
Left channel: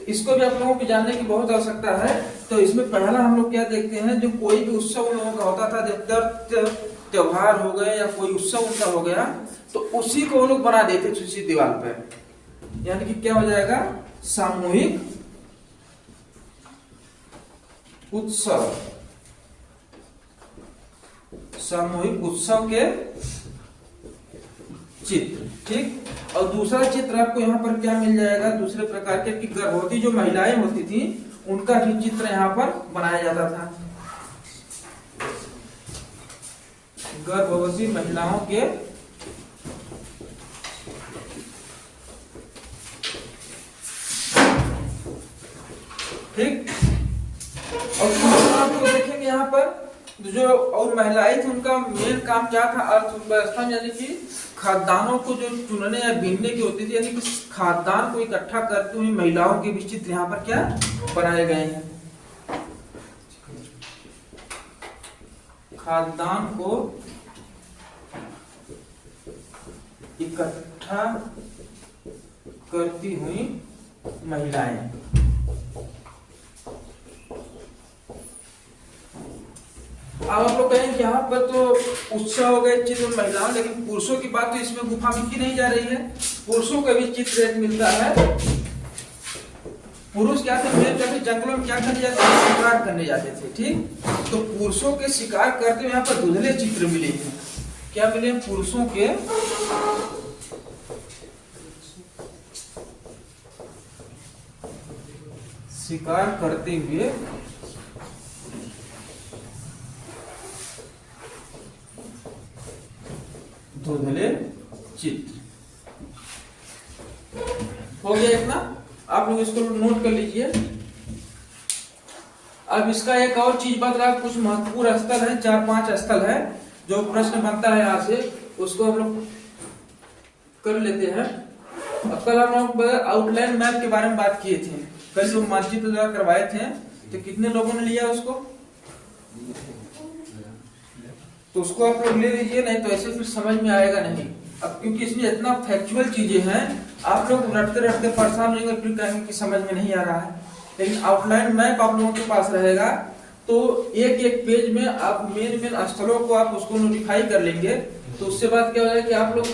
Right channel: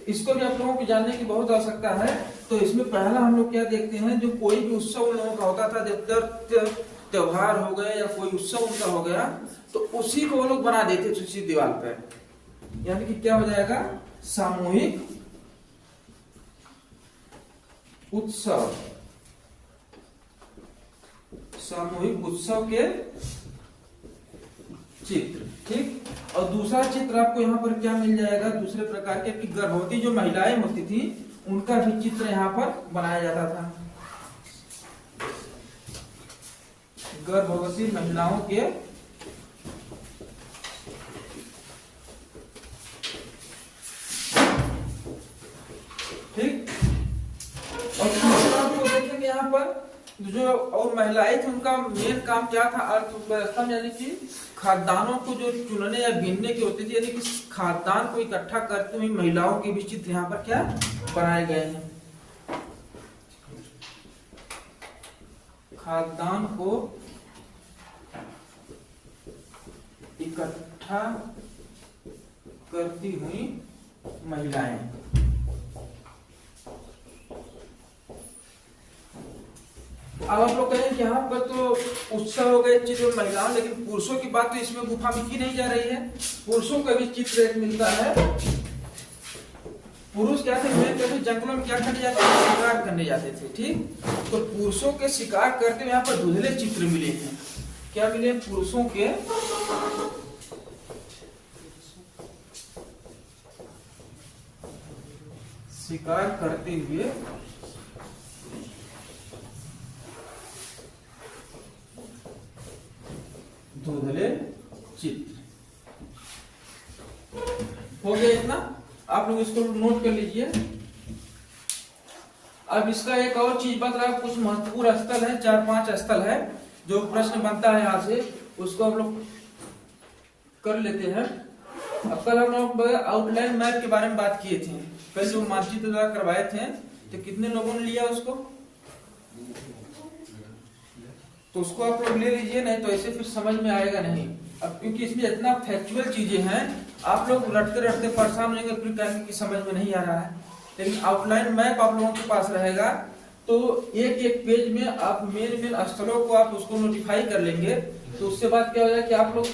तो इसको भी आप लोगों को जानने की बहुत आवश्यकता है। तो इसमें पहला हम लोग क्या देखते हैं, जो कोई भी उत्सव लोगों का होता था, जब त्योहार हो गया या कोई उत्सव उनका हो गया, तो उसी को वो लोग बना देते थे उसी दीवार पर। यानी कि क्या हो जाएगा, सामूहिक उत्सव। सामूहिक उत्सव के चित्र। ठीक, और दूसरा चित्र आपको यहाँ पर क्या मिल जाएगा, दूसरे प्रकार के कि गर्भवती जो महिलाएं होती थी उनका भी चित्र यहाँ पर बनाया जाता था। गर्भवती महिलाओं के ठीक। और आपको देखेंगे यहाँ पर जो और महिलाएं थी उनका मेन काम क्या था, अर्थव्यवस्था में, यानी कि खाद्यान्नों को जो चुनने या बीनने की होती थी, यानी कि खाद्यान्न को इकट्ठा करते हुए महिलाओं के भी चित्र यहाँ पर क्या बनाए गए हैं। खाद्यान्न को इकट्ठा करती हुई महिलाएं। अब आप लोग कहेंगे यहाँ पर तो उत्साह हो गए चित्र महिलाओं, लेकिन पुरुषों की बात तो इसमें गुफा में की नहीं जा रही है। पुरुषों का भी चित्र एक मिलता है। पुरुष क्या थे, जंगलों में क्या करने जाते थे, शिकार करने जाते थे। ठीक, तो पुरुषों के शिकार करते हुए यहाँ पर धुंधले चित्र मिले हैं। क्या मिले, पुरुषों के शिकार करते हुए धुंधले चित्र। हो गया इतना, आप लोग इसको नोट कर लीजिए। अब इसका एक और चीज बता रहा, कुछ महत्वपूर्ण स्थल है, 4-5 स्थल है जो प्रश्न बनता है यहाँ से, उसको हम लोग कर लेते हैं। अब कल हम लोग आउटलाइन मैप के बारे में बात किए थे, कल जो मानचित्र द्वारा करवाए थे, तो कितने लोगों ने लिया उसको, तो उसको आप लोग ले लीजिए, नहीं तो ऐसे फिर समझ में आएगा नहीं। अब क्योंकि इसमें इतना फैक्चुअल चीजें हैं, आप लोग रटते रटते परेशान होंगे, फिर कहेंगे कि समझ में नहीं आ रहा है। लेकिन आउटलाइन मैप आप लोगों के पास रहेगा, तो एक एक पेज में आप मेन स्थलों को आप उसको नोटिफाई कर लेंगे, तो उससे बाद क्या हो जाएगा कि आप लोग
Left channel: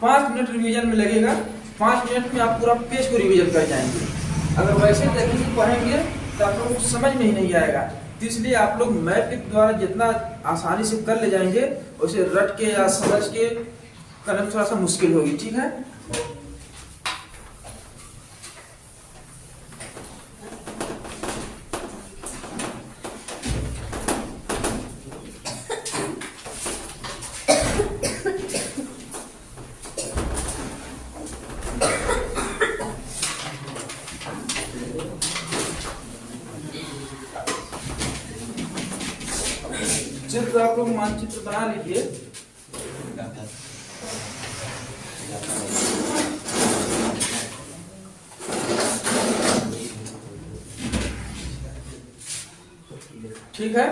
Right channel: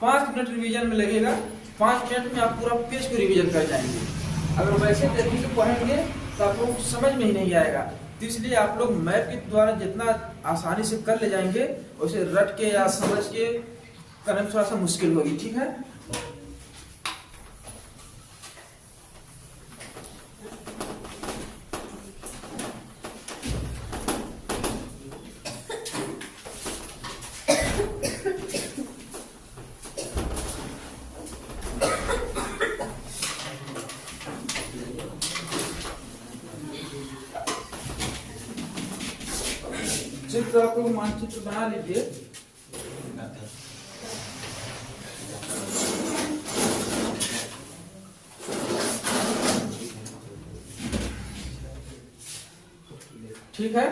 5 मिनट रिवीजन में लगेगा, 5 मिनट में आप पूरा पेज को रिवीजन कर जाएंगे। अगर वैसे देखेंगे पढ़ेंगे तो आप लोग समझ में ही नहीं आएगा। तो इसलिए आप लोग मैप के द्वारा जितना आसानी से कर ले जाएंगे, उसे रट के या समझ के करने में थोड़ा सा मुश्किल होगी। ठीक है, चित्र आप लोग मानचित्र बना लीजिए। ठीक है,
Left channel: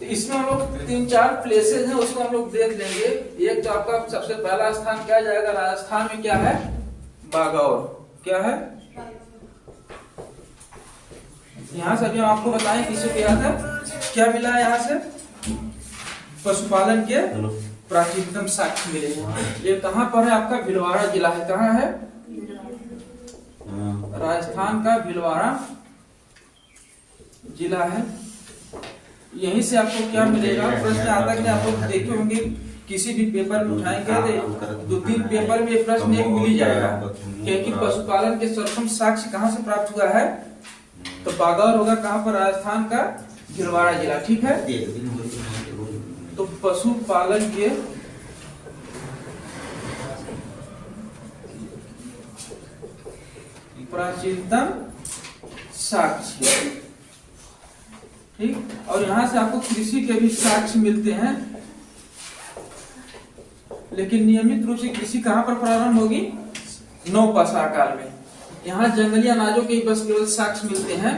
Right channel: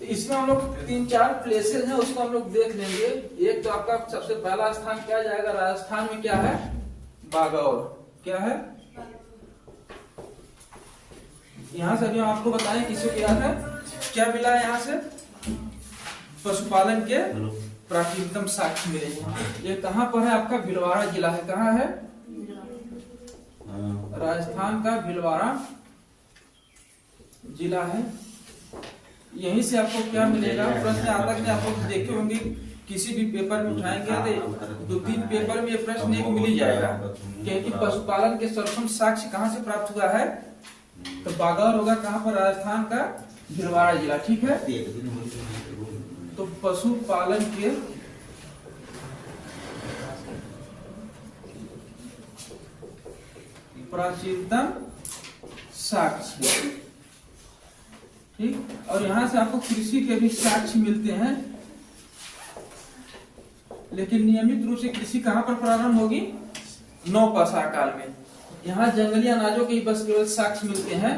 तो इसमें हम लोग 3-4 प्लेसेस हैं, उसको हम लोग देख लेंगे। एक तो आपका सबसे पहला स्थान क्या जाएगा, राजस्थान में क्या है, बागौर। क्या है, यहाँ से अभी हम आपको बताएं किसी को याद है क्या मिला है, यहाँ से पशुपालन के प्राचीनतम साक्ष्य मिले हैं। ये कहाँ पर है, आपका भीलवाड़ा जिला है। कहाँ है, राजस्थान का भीलवाड़ा जिला है। यहीं से आपको क्या मिलेगा, प्रश्न आता है, आप लोग देखे होंगे किसी भी पेपर में उठाएंगे तो 2-3 पेपर में ये प्रश्न एक मिल ही जाएगा, क्योंकि पशुपालन के सर्वप्रथम साक्ष्य कहाँ से प्राप्त हुआ है, तो बागौर होगा। कहाँ पर, राजस्थान का भीलवाड़ा जिला। ठीक है, तो पशुपालन के प्राचीनतम साक्ष्य। ठीक, और यहां से आपको कृषि के भी साक्ष्य मिलते हैं, लेकिन नियमित रूप से कृषि कहां पर प्रारंभ होगी, नवपाषाण काल में। यहाँ जंगली अनाजों के बस केवल साक्ष्य मिलते हैं।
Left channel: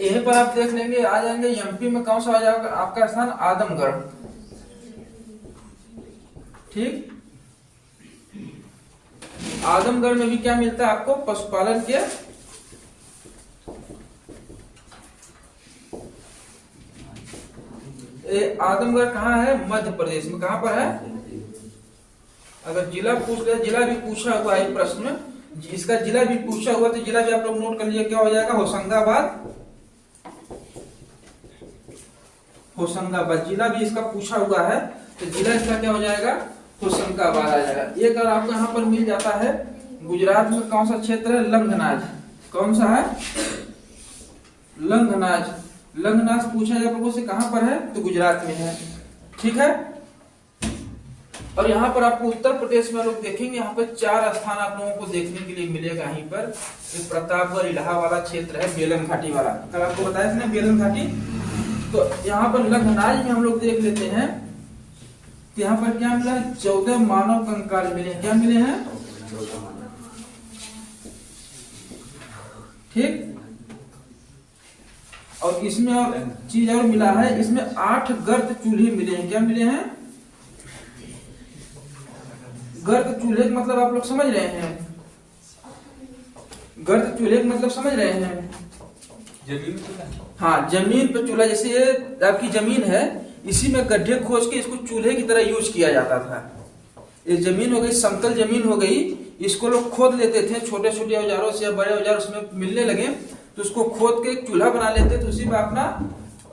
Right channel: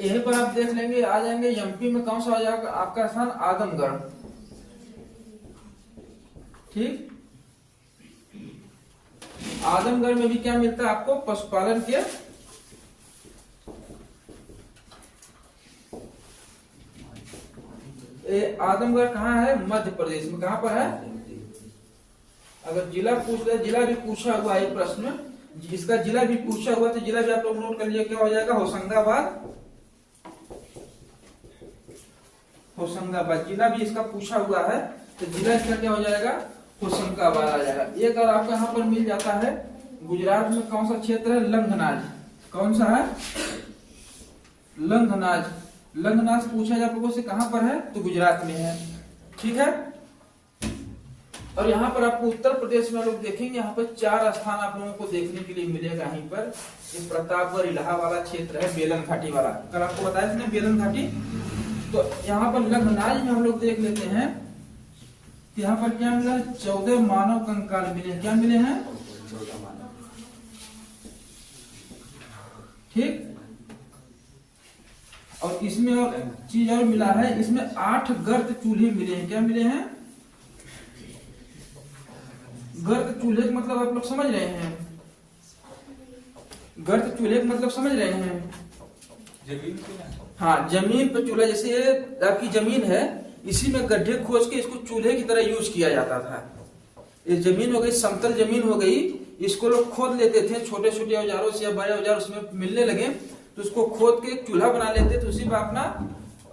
यहीं पर आप देख लेंगे, आ जाएंगे एमपी में कौन सा आ जाएगा आपका स्थान, आदमगढ़। ठीक, आदमगढ़ में भी क्या मिलता है आपको, पशुपालन के आदमगढ़ कहाँ है, मध्य प्रदेश में। कहाँ पर है, अगर जिला पूछ ले, जिला भी पूछा हुआ है प्रश्न में, इसका जिला भी पूछा हुआ, तो जिला भी आप लोग नोट कर लीजिए, क्या हो जाएगा, होशंगाबाद। होशंगाबाद जिला भी इसका पूछा हुआ है, तो जिला इसका क्या हो जाएगा, क्वेश्चन का बार आ जाएगा। एक और आपको यहाँ पर मिल जाता है, गुजरात में कौन सा क्षेत्र है? लंघनाज। कौन सा है? लंघनाज। लंघनाज पूछा जाए लोगों से कहां पर है, तो गुजरात में है। ठीक है। और यहाँ पर आपको उत्तर प्रदेश में लोग देखेंगे, यहाँ पर 4 स्थान आप लोगों को देखने के लिए मिलेगा। यहीं पर प्रतापगढ़ इलाहा वाला क्षेत्र है, बेलन घाटी वाला, कल आपको बताया था ना बेलन घाटी। तो यहाँ पर लंघनाज में हम लोग देख लेते हैं, तो यहाँ पर क्या मिला है? 14 मानव कंकाल मिले हैं। क्या मिले हैं? ठीक। और इसमें और चीज और मिला है, इसमें 8 गर्त चूल्हे मिले हैं। क्या मिले हैं? गर्त चूल्हे का मतलब आप लोग समझ रहे हैं? गर्त चूल्हे का मतलब समझ रहे हैं? जमीन, हाँ, जमीन पे चूल्हा। जैसे ये आपकी जमीन है, इसी में गड्ढे खोज के इसको चूल्हे की तरह यूज किया जाता था। ये जमीन हो गई, समतल जमीन हो गई, इसको लोग खोद लेते थे छोटे छोटे औजारों से या बड़े औजार उसमें मिलने लगे, तो उसको खोद के एक चूल्हा बना लेते थे। उसी में अपना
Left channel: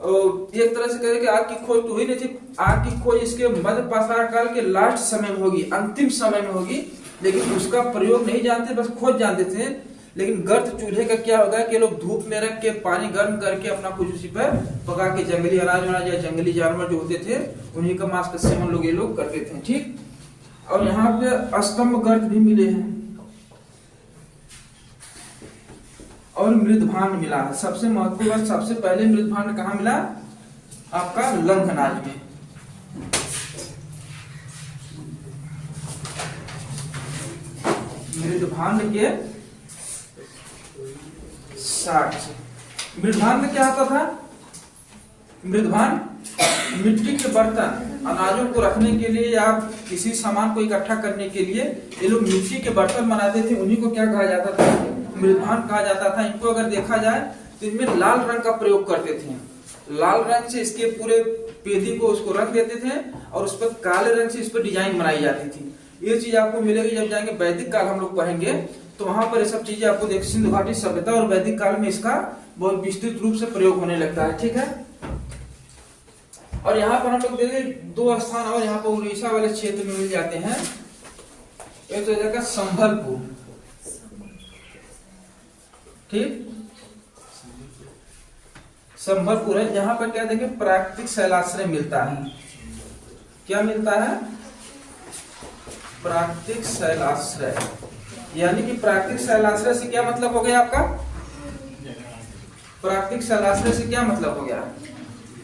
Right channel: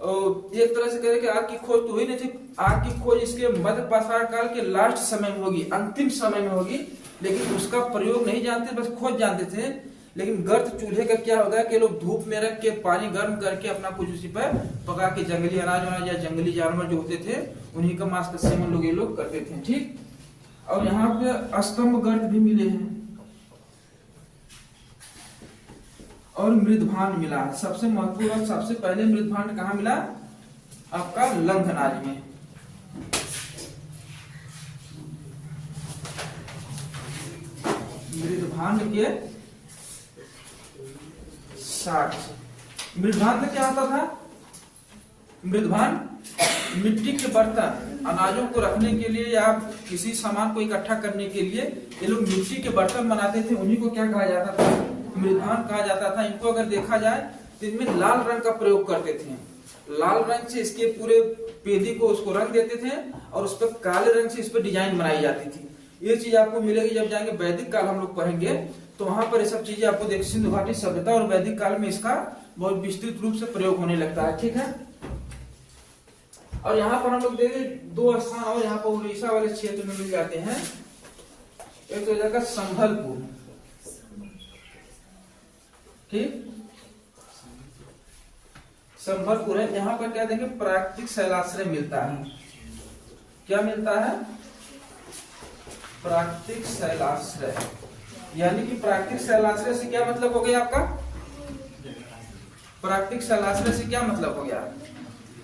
एक तरह से कहे कि आग की खोज तो हुई नहीं थी, आग की खोज इसके मध्य पाषाण काल के लास्ट समय में होगी, अंतिम समय में होगी, लेकिन उसका प्रयोग नहीं जानते, बस खोज जानते थे। लेकिन गर्त चूल्हे का क्या होगा कि लोग धूप में रख के पानी गर्म करके अपना कुछ उसी पर पका के जंगली अनाज या जंगली जानवर जो होते थे उन्हीं का मांस का सेवन लोग ये लोग करते थे। ठीक। और यहाँ पे स्तंभ गर्त भी मिले हैं और मृदभांड मिला है। सबसे महत्वपूर्ण, सबसे पहले मृदभांड कहाँ मिला? आपका लंघनाज में। मृदभांड के साक्ष्य। मृदभांड क्या होता था? मृदभांड मिट्टी के बर्तन, अनाजों को रखने के लिए या किसी सामान को इकट्ठा करने के लिए ये लोग मिट्टी के बर्तन बनाते थे, उन्हीं को क्या कहा जाता था? मृदभांड कहा जाता था। इनको अगर देखा जाए तो इनमें लाल रंग का प्रयोग करते थे। लाल रंग से इसके पूरे पेदी को उसको रंग देते थे और उस पर काले रंग से इस पर डिजाइन बनाई जाती थी। ये चीज आपको मिलेगी जब जाएंगे वैदिक काल हम लोग पढ़ेंगे, तो वहां पर ये सब चीजें आपको देख, सिंधु घाटी सभ्यता और वैदिक काल में इसका बहुत विस्तृत रूप से प्रयोग होने लगता है। ठीक है। और यहाँ पर हम लोग देखें 2 स्थान और यहाँ पर उड़ीसा वाले क्षेत्र में मिल जाते हैं। एक तो जाएगा संभलपुर। ठीक। संभलपुर है, यहाँ पर क्या देखें? प्राकृतिक शैलाश्रय मिलता है। क्या मिलता है? प्राकृतिक शैलाश्रय। यानी कि प्राकृतिक शैलाश्रय से क्या मतलब हो गया आपका? प्राकृतिक शैलाश्रय से क्या मतलब हो गया?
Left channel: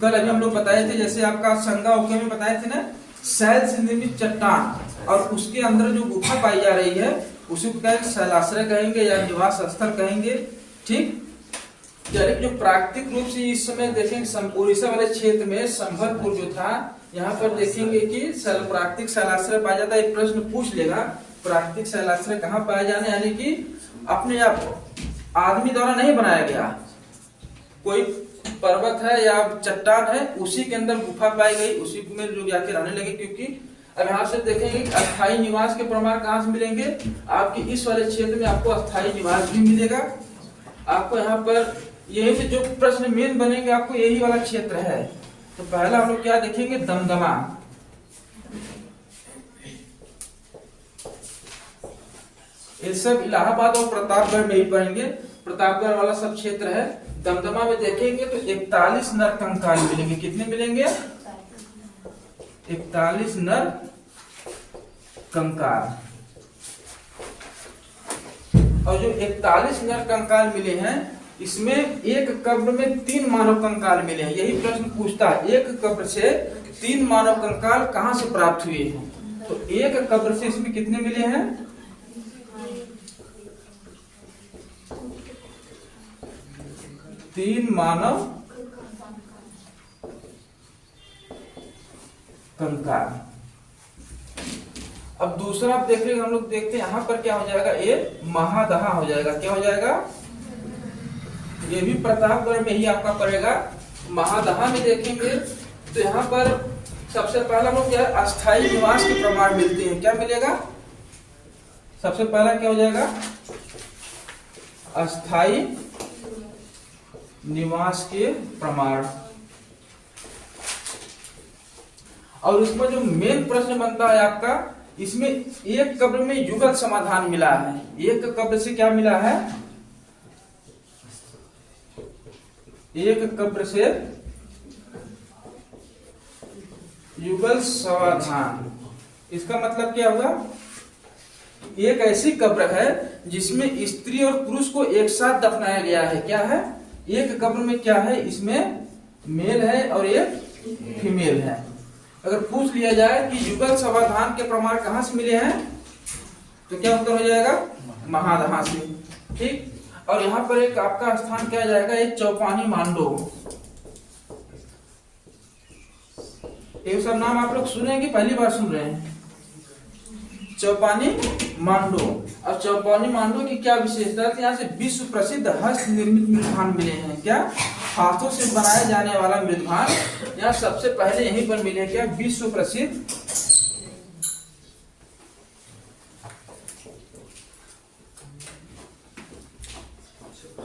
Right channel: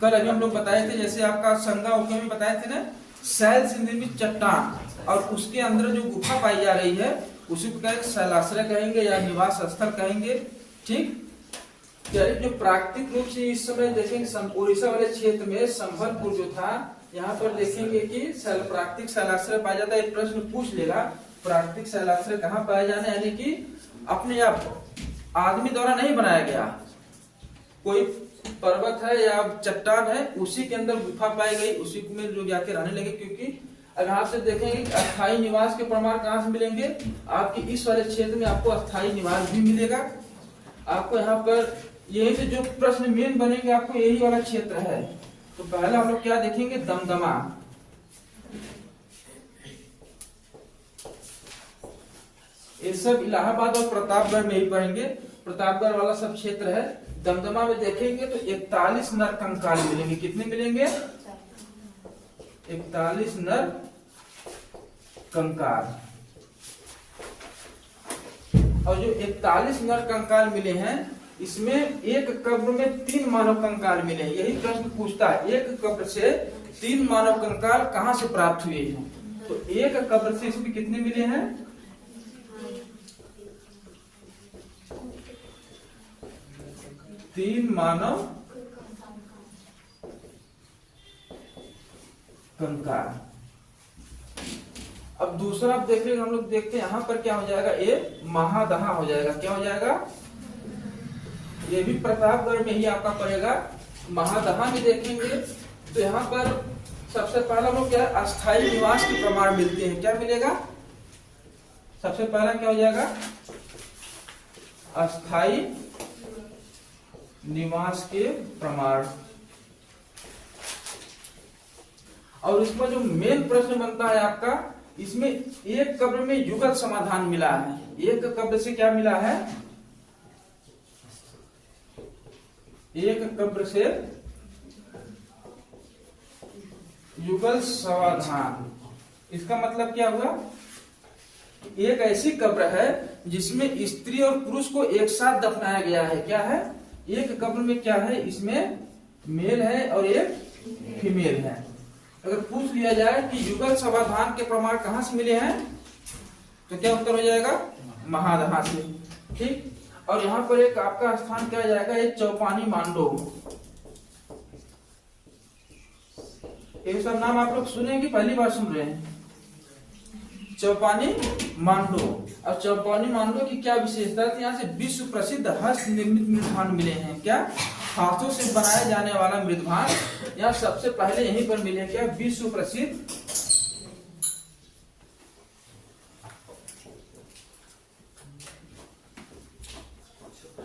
कल अभी हम लोग बताए थे, जैसे आपका संगा ओके में बताए थे ना, शैल से निर्मित चट्टान और उसके अंदर जो गुफा पाई जा रही है उसी को शैलाश्रय कहेंगे या निवास स्थल कहेंगे। ठीक। जो प्राकृतिक रूप से इस समय देखेंगे उड़ीसा वाले क्षेत्र में संभलपुर जो था, यहाँ पर देखेंगे कि प्राकृतिक शैलाश्रय पाया जाता है। एक प्रश्न पूछ लेगा, प्राकृतिक शैलाश्रय कहाँ पाया जाना, यानी कि अपने आप आदमी द्वारा नहीं बनाया गया, कोई पर्वत है या चट्टान है, उसी के अंदर गुफा पाई गई, उसी में लोग जाके रहने लगे। क्योंकि अब यहाँ से देखेंगे अस्थायी निवास के प्रमाण कहाँ से मिलेंगे? आपके इस वाले क्षेत्र में आपको अस्थायी निवास भी मिलेगा। आपको यहाँ पर यही से जो प्रश्न मेन बनेंगे आपको यही वाला क्षेत्र है। तो पहला हम लोग क्या देखेंगे? दमदमा। ये सब इलाहाबाद और प्रतापगढ़ में ही पढ़ेंगे, प्रतापगढ़ वाला सब क्षेत्र है। दमदमा में देखेंगे तो 41 नर कंकाल मिलेंगे। कितने मिलेंगे? 41 नर कंकाल। और जो 41 नर कंकाल मिले हैं, इसमें एक कब्र में 3 मानव कंकाल मिले हैं। यही प्रश्न पूछता है, एक कब्र से 3 मानव कंकाल कहां से प्राप्त हुए हैं? तो एक कब्र से इसमें कितने मिले हैं? 3 मानव कंकाल। अब दूसरा आप देख रहे, हम लोग देखते हैं यहाँ पर क्या हो जाएगा? ये महादहा हो जाएगा। क्या हो जाएगा? ये भी प्रतापगढ़ में ही आपका पड़ेगा। महादहा में देखेंगे तो यहाँ पर सबसे पहला लोग क्या है? अस्थायी निवास के प्रमाण मिलते हैं। क्या मिलेगा? सबसे पहला क्या हो जाएगा? अस्थायी निवास के प्रमाण। और उसमें जो मेन प्रश्न बनता है आपका इसमें एक कब्र में युगल समाधान मिला है। एक कब्र से क्या मिला है? एक कब्र से युगल समाधान। इसका मतलब क्या हुआ? एक ऐसी कब्र है जिसमें स्त्री और पुरुष को एक साथ दफनाया गया है। क्या है? एक कब्र में क्या है? इसमें मेल है और एक फीमेल है। अगर पूछ लिया जाए कि युगल समाधान के प्रमाण कहां से मिले हैं, तो क्या उत्तर हो जाएगा? महादहा से। ठीक। और यहाँ पर एक आपका स्थान क्या जाएगा? एक चौपानी मांडो। ये सब नाम आप लोग सुने हैं कि पहली बार सुन रहे हैं? चौपानी मांडो। अब चौपानी मांडो की क्या विशेषता है? यहाँ से विश्व प्रसिद्ध हस्त निर्मित मृदभान मिले हैं। क्या? हाथों से बनाए जाने वाला मृदभान यहाँ सबसे पहले यहीं पर मिले हैं। क्या? विश्व प्रसिद्ध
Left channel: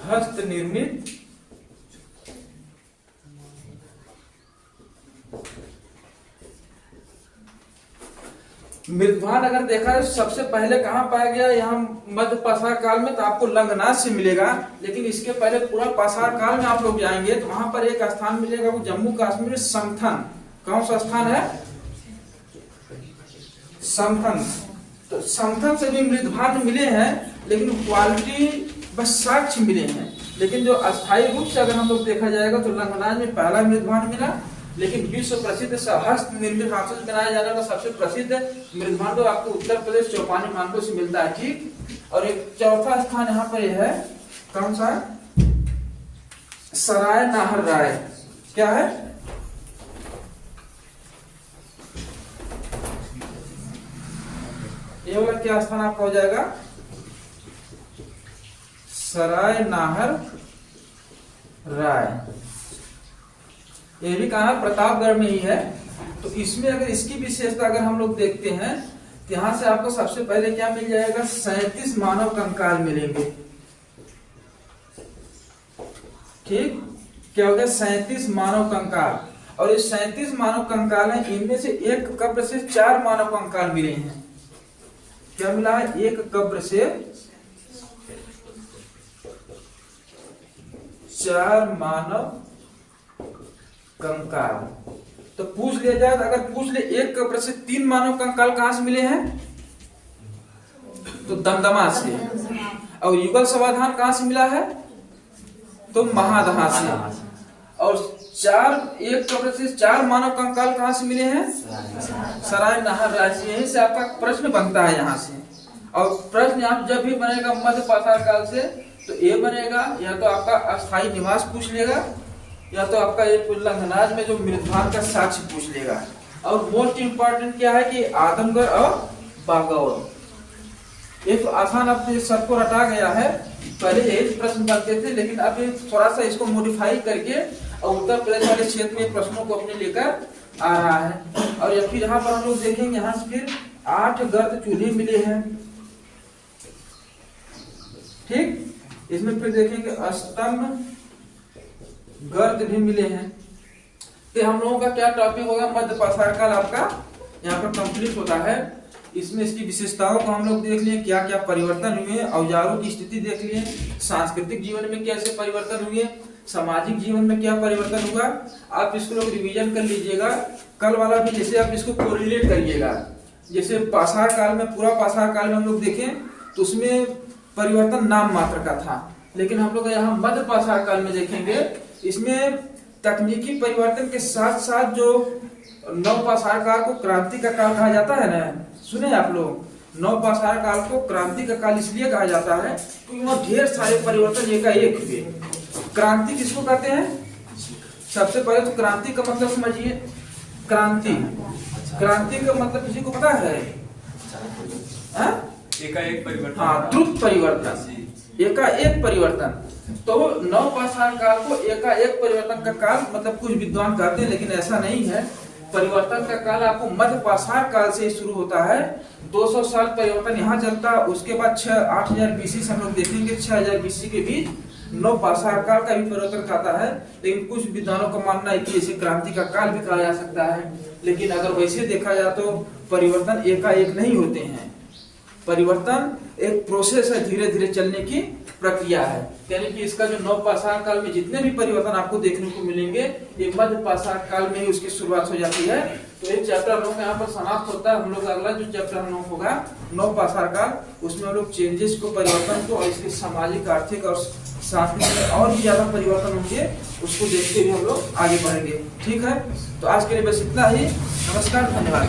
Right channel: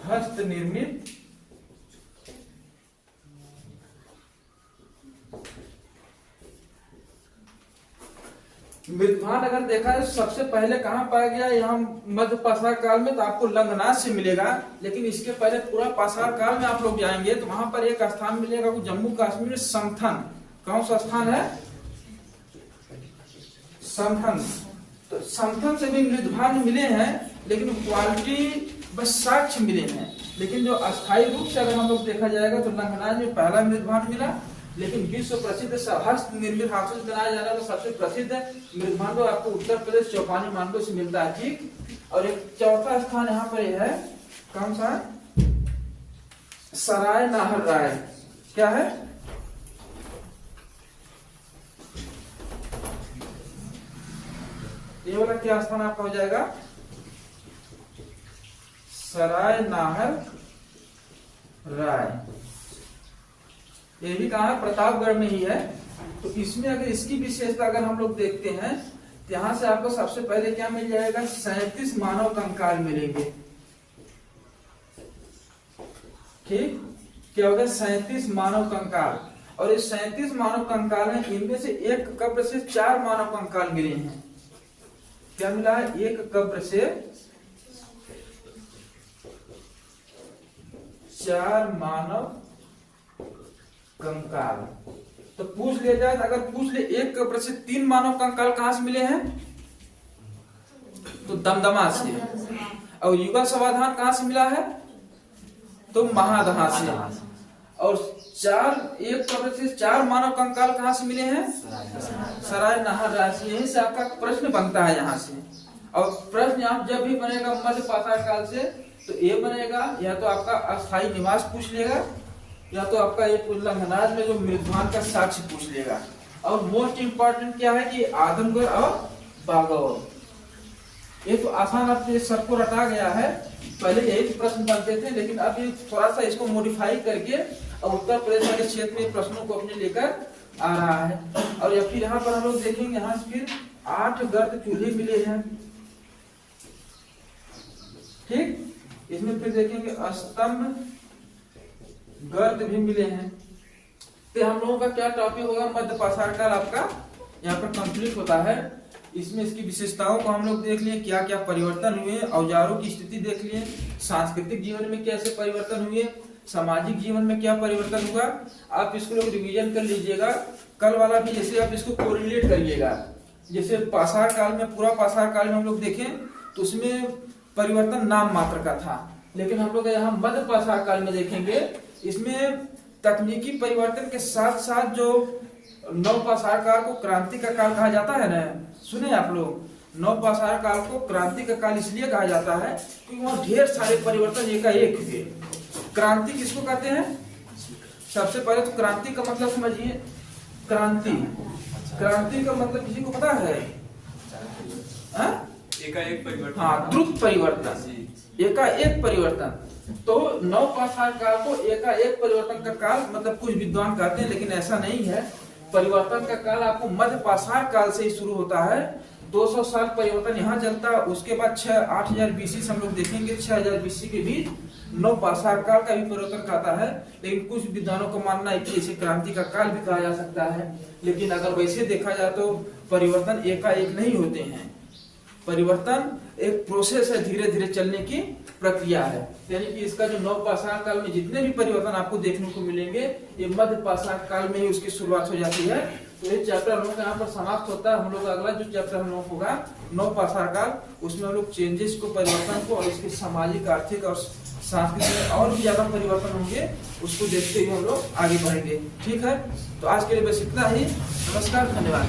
हस्त निर्मित मृदभान अगर देखा है सबसे पहले कहां पाया गया? यहाँ मध्य पाषाण काल में, तो आपको लंगनाथ से मिलेगा। लेकिन इसके पहले पूरा पाषाण काल में आप लोग जाएंगे तो वहां पर एक स्थान मिलेगा, वो जम्मू कश्मीर समथन। कौन सा स्थान है? समथन। तो समथन से भी मृदभान मिले हैं, लेकिन क्वालिटी बस साक्ष्य मिले हैं। लेकिन जो अस्थायी रूप से अगर हम लोग देखा जाएगा तो लंगनाथ में पहला मृदभान मिला। लेकिन विश्व प्रसिद्ध हस्त निर्मित हाथों से बनाया जाने वाला सबसे प्रसिद्ध मृदभान तो आपको उत्तर प्रदेश चौपानी मांडो से मिलता है। ठीक। और एक चौथा स्थान यहाँ पर यह है, कौन सा? सराय नाहर राय। क्या है? ये वाला क्या स्थान आपका हो जाएगा? सराय नाहर राय। ये भी कहा? प्रतापगढ़ में ही है। तो इसमें अगर इसकी विशेषता अगर हम लोग देखते हैं तो यहां से आपको सबसे पहले क्या मिल जाएगा? 37 मानव कंकाल मिलेंगे। ठीक। क्या होगा? 37 मानव कंकाल। और ये 37 मानव कंकाल है, इनमें से एक कब्र से 4 मानव कंकाल मिले हैं। क्या मिला है? एक कब्र से 4 मानव कंकाल। तो पूछ लिया जाए, अगर पूछ ले एक कब्र से 3 मानव कंकाल कहां से मिले हैं, तो दमदमा से। और युगल समाधान कहां से मिला है, तो महादहा से। और एक कब्र से 4 मानव कंकाल कहां से मिले हैं, सराय नाहर राय। यहीं से आपका प्रश्न बनता है यहाँ से। और प्रश्न आप जब भी बनेगा मध्य पाषाण काल से, तो ये बनेगा या तो आपका अस्थायी निवास पूछ लेगा, या तो आपका ये लंगनाथ में जो मृदभान का साक्ष्य पूछ लेगा। और मोस्ट इंपॉर्टेंट क्या है कि आदमगढ़ और बागौर। ये तो आसान अब सबको रटा गया है। पहले यही प्रश्न बनते थे, लेकिन अब ये थोड़ा सा इसको मॉडिफाई करके और उत्तर प्रदेश वाले क्षेत्र में प्रश्नों को अपने लेकर आ रहा है। और या फिर यहाँ पर हम लोग देखेंगे, यहाँ से फिर 8 गर्द चूल्हे मिले हैं। ठीक। इसमें फिर देखेंगे स्तंभ गर्द भी मिले हैं। कि हम लोगों का क्या टॉपिक होगा? मध्य पाषाण काल आपका यहाँ पर कंप्लीट होता है। इसमें इसकी विशेषताओं को हम लोग देख लिए, क्या क्या परिवर्तन हुए, औजारों की स्थिति देख लिए, सांस्कृतिक जीवन में कैसे परिवर्तन हुए, सामाजिक जीवन में क्या परिवर्तन हुआ। आप इसको लोग रिवीजन कर लीजिएगा। कल वाला भी जैसे आप इसको कोरिलेट करिएगा। जैसे पाषाण काल में, पूरा पाषाण काल में हम लोग देखें तो उसमें परिवर्तन नाम मात्र का था। लेकिन हम लोग यहाँ मध्य पाषाण काल में देखेंगे, इसमें तकनीकी परिवर्तन के साथ साथ जो नव पाषाण काल को क्रांति का काल कहा जाता है ना, सुने आप लोग? नव पाषाण काल को क्रांति का काल इसलिए कहा जाता है क्योंकि वहाँ ढेर सारे परिवर्तन एकाएक हुए। क्रांति किसको कहते हैं? सबसे पहले तो क्रांति का मतलब समझिए। क्रांति का मतलब किसी को पता है? एकाएक परिवर्तन। हाँ, द्रुत परिवर्तन, एकाएक परिवर्तन। तो नव पाषाण काल को एकाएक परिवर्तन का काल मतलब कुछ विद्वान कहते हैं, लेकिन ऐसा नहीं है। परिवर्तन का काल आपको मध्य पाषाण काल से शुरू होता है। 200 साल परिवर्तन यहाँ चलता है। उसके बाद 8000 BC से हम लोग देखेंगे 6000 BC के बीच नवपाषाण काल का भी परिवर्तन कहता है, लेकिन कुछ विद्वानों का मानना है कि इसे क्रांति का काल भी कहा जा सकता है। लेकिन अगर वैसे देखा जाए तो परिवर्तन एकाएक नहीं होते हैं, परिवर्तन एक प्रोसेस है, धीरे धीरे चलने की प्रक्रिया है। यानी कि इसका जो नवपाषाण काल में जितने भी परिवर्तन आपको देखने को मिलेंगे, ये मध्यपाषाण काल में ही उसकी शुरुआत हो जाती है। तो ये चैप्टर हम लोग यहाँ पर समाप्त होता है। हम लोग अगला जो चैप्टर हम लोग होगा नवपाषाण काल, उसमें हम लोग चेंजेस को, परिवर्तन को और इसके सामाजिक, आर्थिक और सांस्कृतिक और भी ज्यादा परिवर्तन होंगे, उसको देखते हुए हम लोग आगे बढ़ेंगे। ठीक है, तो आज के लिए बस इतना ही। नमस्कार, धन्यवाद।